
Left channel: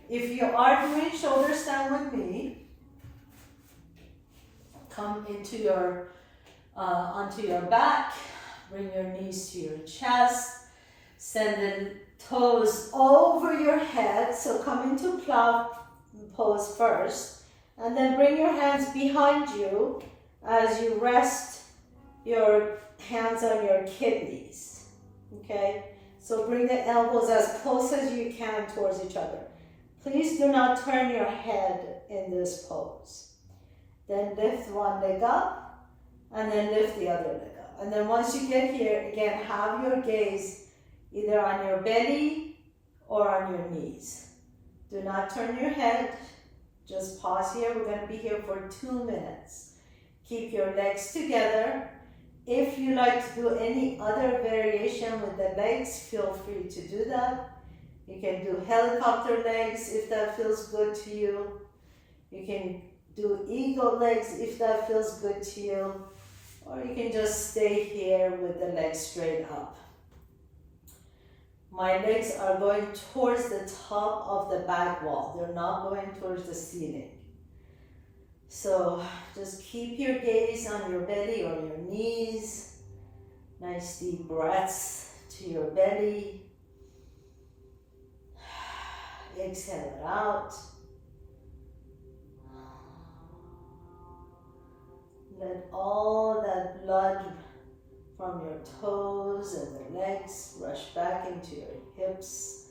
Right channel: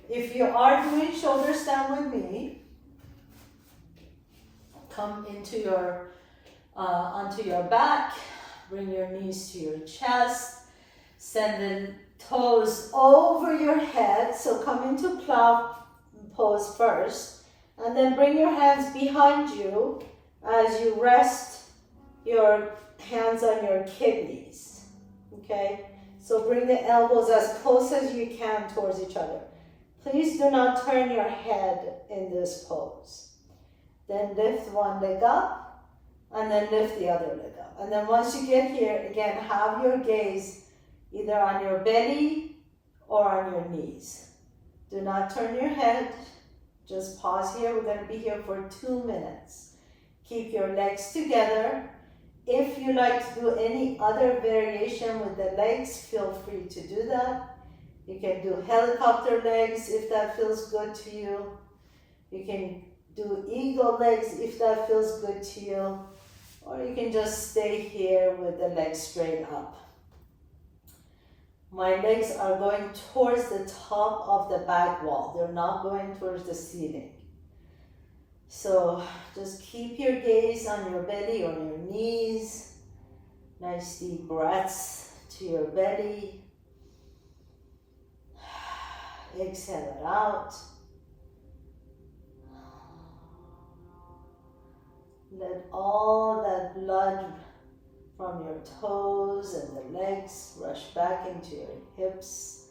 If you are doing shoulder stand with me, come into your onto your back, bring your knees to your chest, send the toes over your head, so come into plow pose first, and then bring your hands behind you as you rest your hands on your kidneys, okay? So bring the elbows as close as you can towards each other. Please do not turn your head in this pose. Then lift one leg up and then lift the other leg up. And then once you get here, again, have your gaze either on your belly or on your knees. Do not turn your head. Just pause here. We're going to be here for 2 minutes. Keep your legs together. If you like to do any other variation with the legs, feel free to do that. You can do helicopter legs if that feels good to you. You can do eagle legs if that feels good to you. Or you can just stay here with the legs straight up. My legs are going towards the top of the back wall. They're not going towards the ceiling. So just keep your gaze on your belly or your knees. Nice deep breaths to your belly. Exhale it out. Let all that blood from your toes and the legs rush back into your hips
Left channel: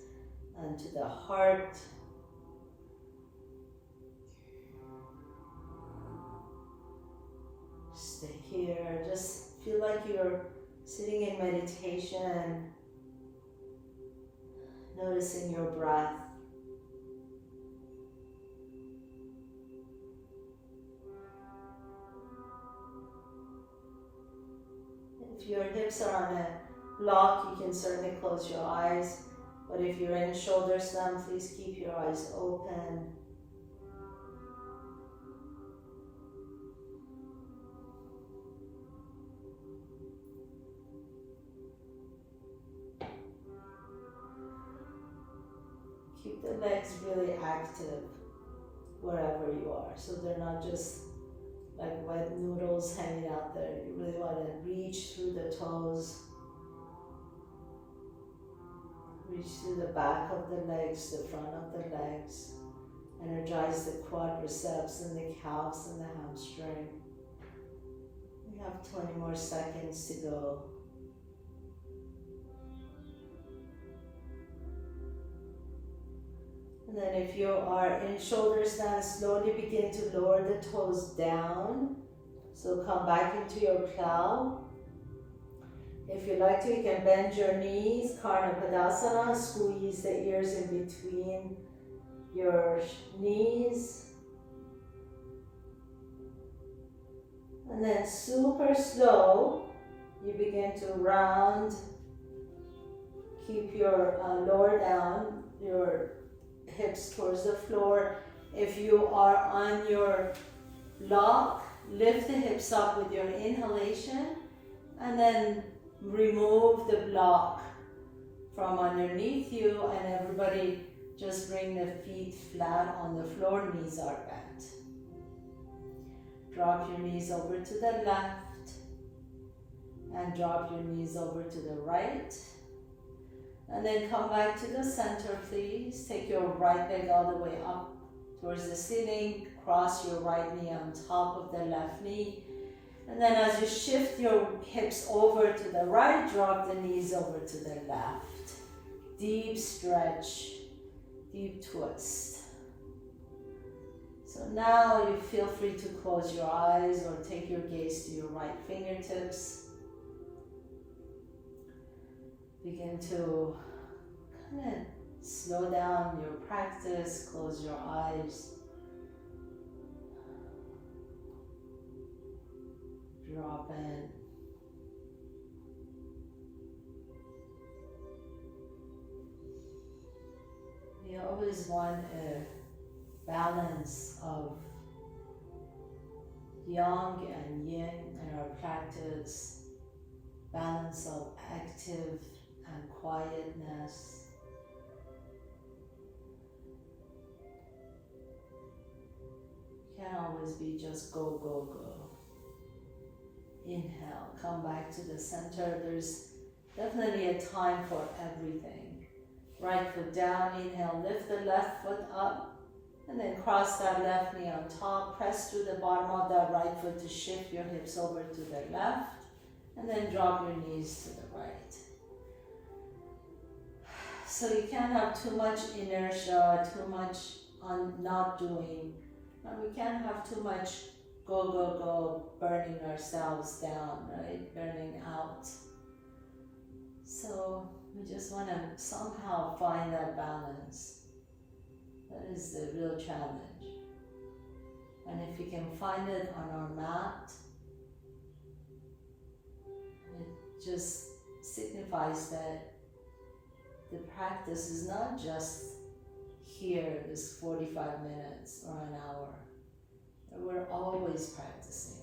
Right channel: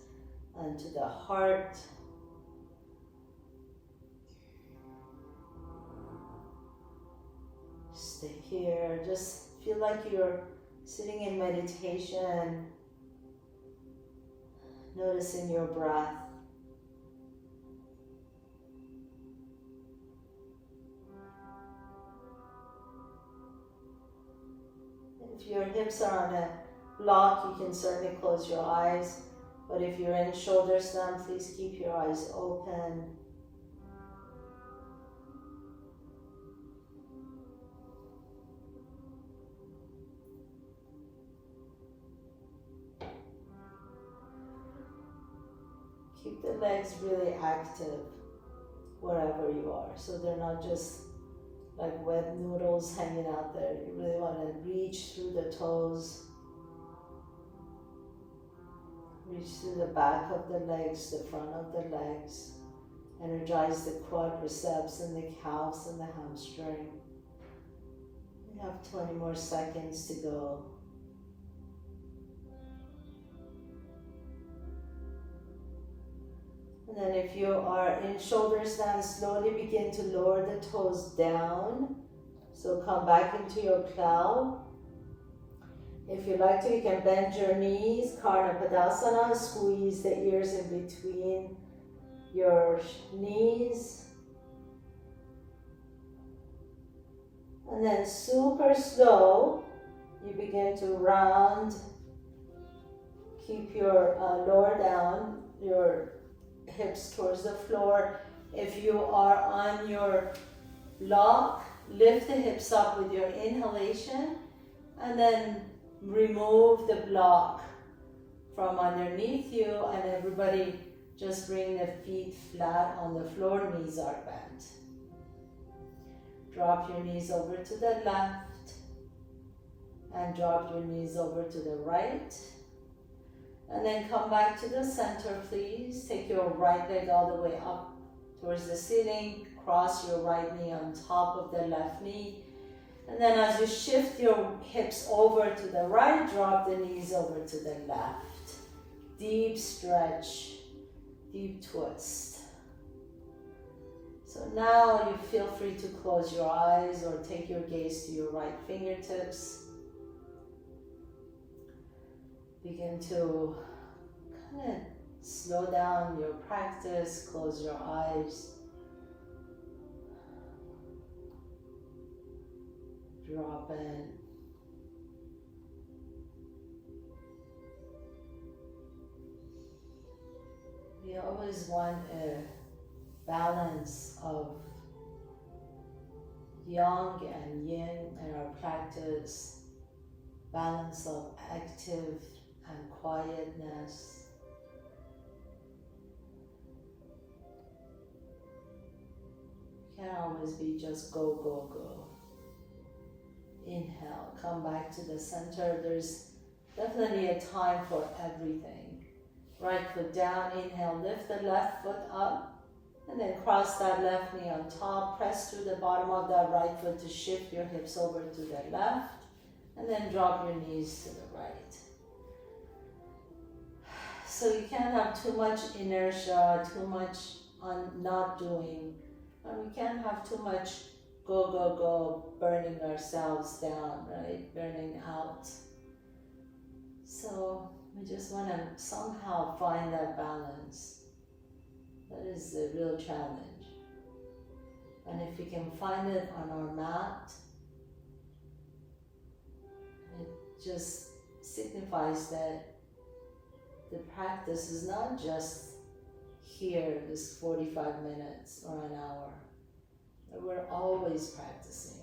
and to the heart. Stay here. Just feel like you're sitting in meditation, noticing your breath. If your hips are on a block, you can certainly close your eyes. But if you're in shoulder stand, please keep your eyes open. Keep the legs really active wherever you are, so they're not just like wet noodles hanging out there. You really want to reach through the toes, reach through the back of the legs, the front of the legs, energize the quadriceps and the calves and the hamstring. We have 20 more seconds to go. And then if you are in shoulder stand, slowly begin to lower the toes down. So come back into your plow. If you like to, you can bend your knees, Karna Padasana, squeeze the ears in between your knees. And then super slow, you begin to round. Keep your lower down, your hips towards the floor. If you are on your block, lift the hips up with your inhalation and then remove the block from underneath you, and everybody just bring the feet flat on the floor, knees are bent. Drop your knees over to the left and drop your knees over to the right. And then come back to the center, please. Take your right leg all the way up towards the ceiling. Cross your right knee on top of the left knee. And then as you shift your hips over to the right, drop the knees over to the left. Deep stretch, deep twist. So now you feel free to close your eyes or take your gaze to your right fingertips. Begin to kind of slow down your practice, close your eyes. Drop in. We always want a balance of yang and yin in our practice, balance of active and quietness. Can't always be just go, go, go. Inhale, come back to the center. There's definitely a time for everything. Right foot down, inhale, lift the left foot up, and then cross that left knee on top. Press through the bottom of that right foot to shift your hips over to the left, and then drop your knees to the right. So you can't have too much inertia, too much on not doing. We can't have too much go, go, go, burning ourselves down, right? Burning out. So we just want to somehow find that balance. That is the real challenge. And if we can find it on our mat, it just signifies that the practice is not just here, this 45 minutes or an hour. We're always practicing.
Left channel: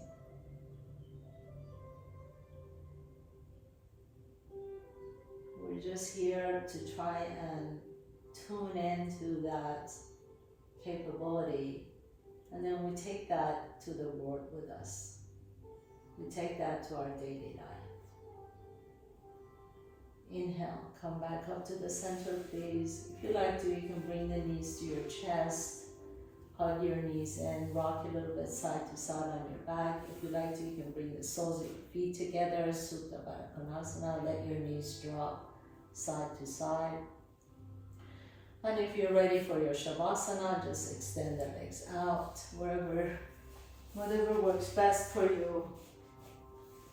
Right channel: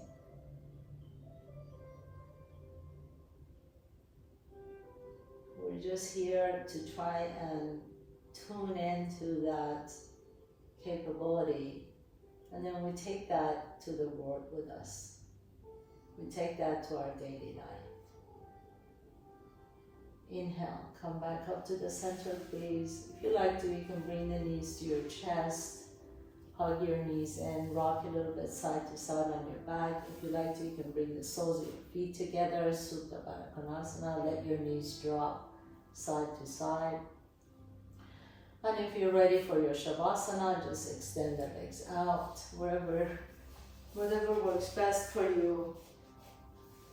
We're just here to try and tune into that capability, and then we take that to the world with us. We take that to our daily life. Inhale, come back up to the center, please. If you like to, you can bring the knees to your chest. Hug your knees in, rock a little bit side to side on your back. If you like to, you can bring the soles of your feet together, Supta Baddha Konasana. Let your knees drop side to side. And if you're ready for your Shavasana, just extend the legs out, whatever works best for you.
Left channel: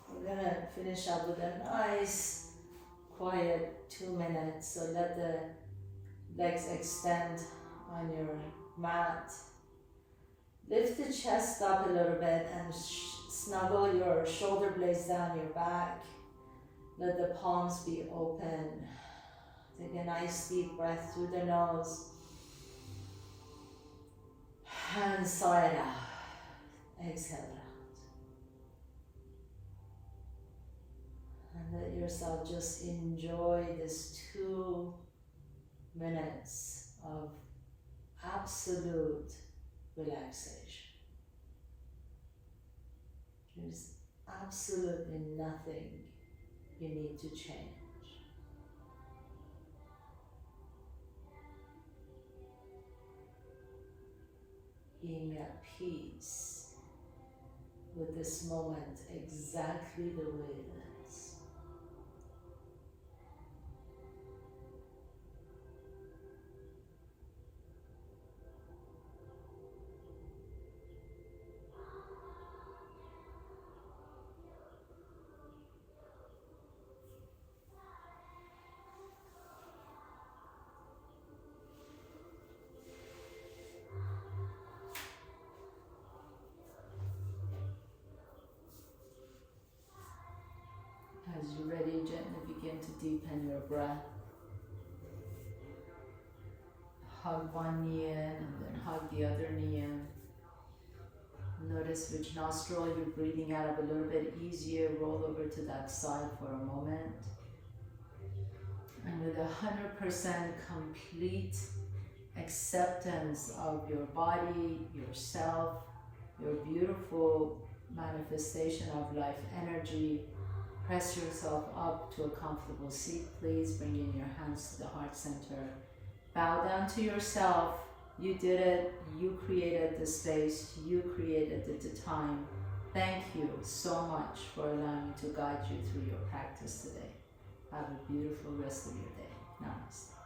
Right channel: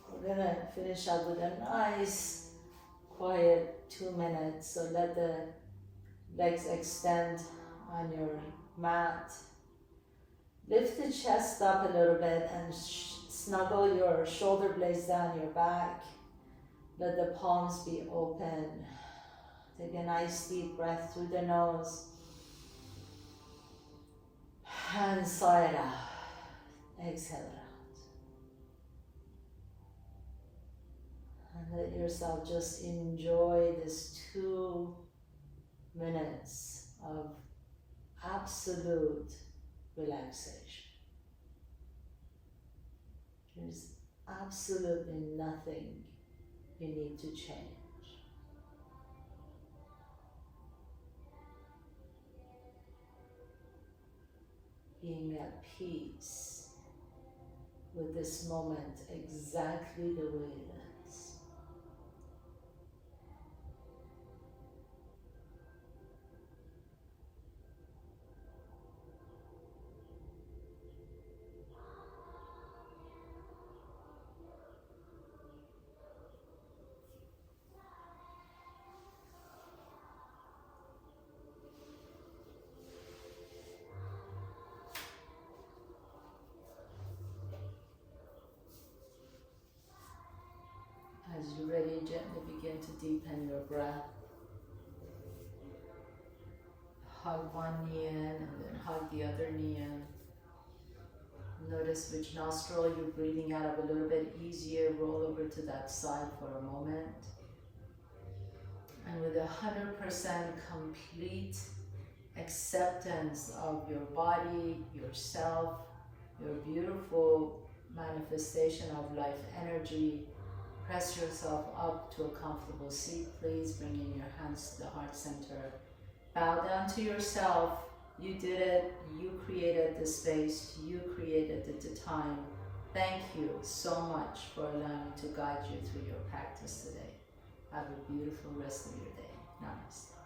We're gonna finish up with a nice, quiet 2 minutes. So let the legs extend on your mat. Lift the chest up a little bit and snuggle your shoulder blades down your back. Let the palms be open. Take a nice deep breath through the nose. And sigh it out. Exhale it out. And let yourself just enjoy this 2 minutes of absolute relaxation. There's absolutely nothing you need to change. Being at peace with this moment exactly the way it is. As you're ready, gently begin to deepen your breath. Hug one knee in and then hug the other knee in. Notice which nostril you're breathing out of a little bit easier. Roll over to that side for a moment. And with 100% complete acceptance of your body, yourself, your beautiful manifestation of life energy, press yourself up to a comfortable seat, please. Bring in your hands to the heart center. Bow down to yourself. You did it. You created the space. You created the time. Thank you so much for allowing me to guide you through your practice today. Have a beautiful rest of your day. Namaste.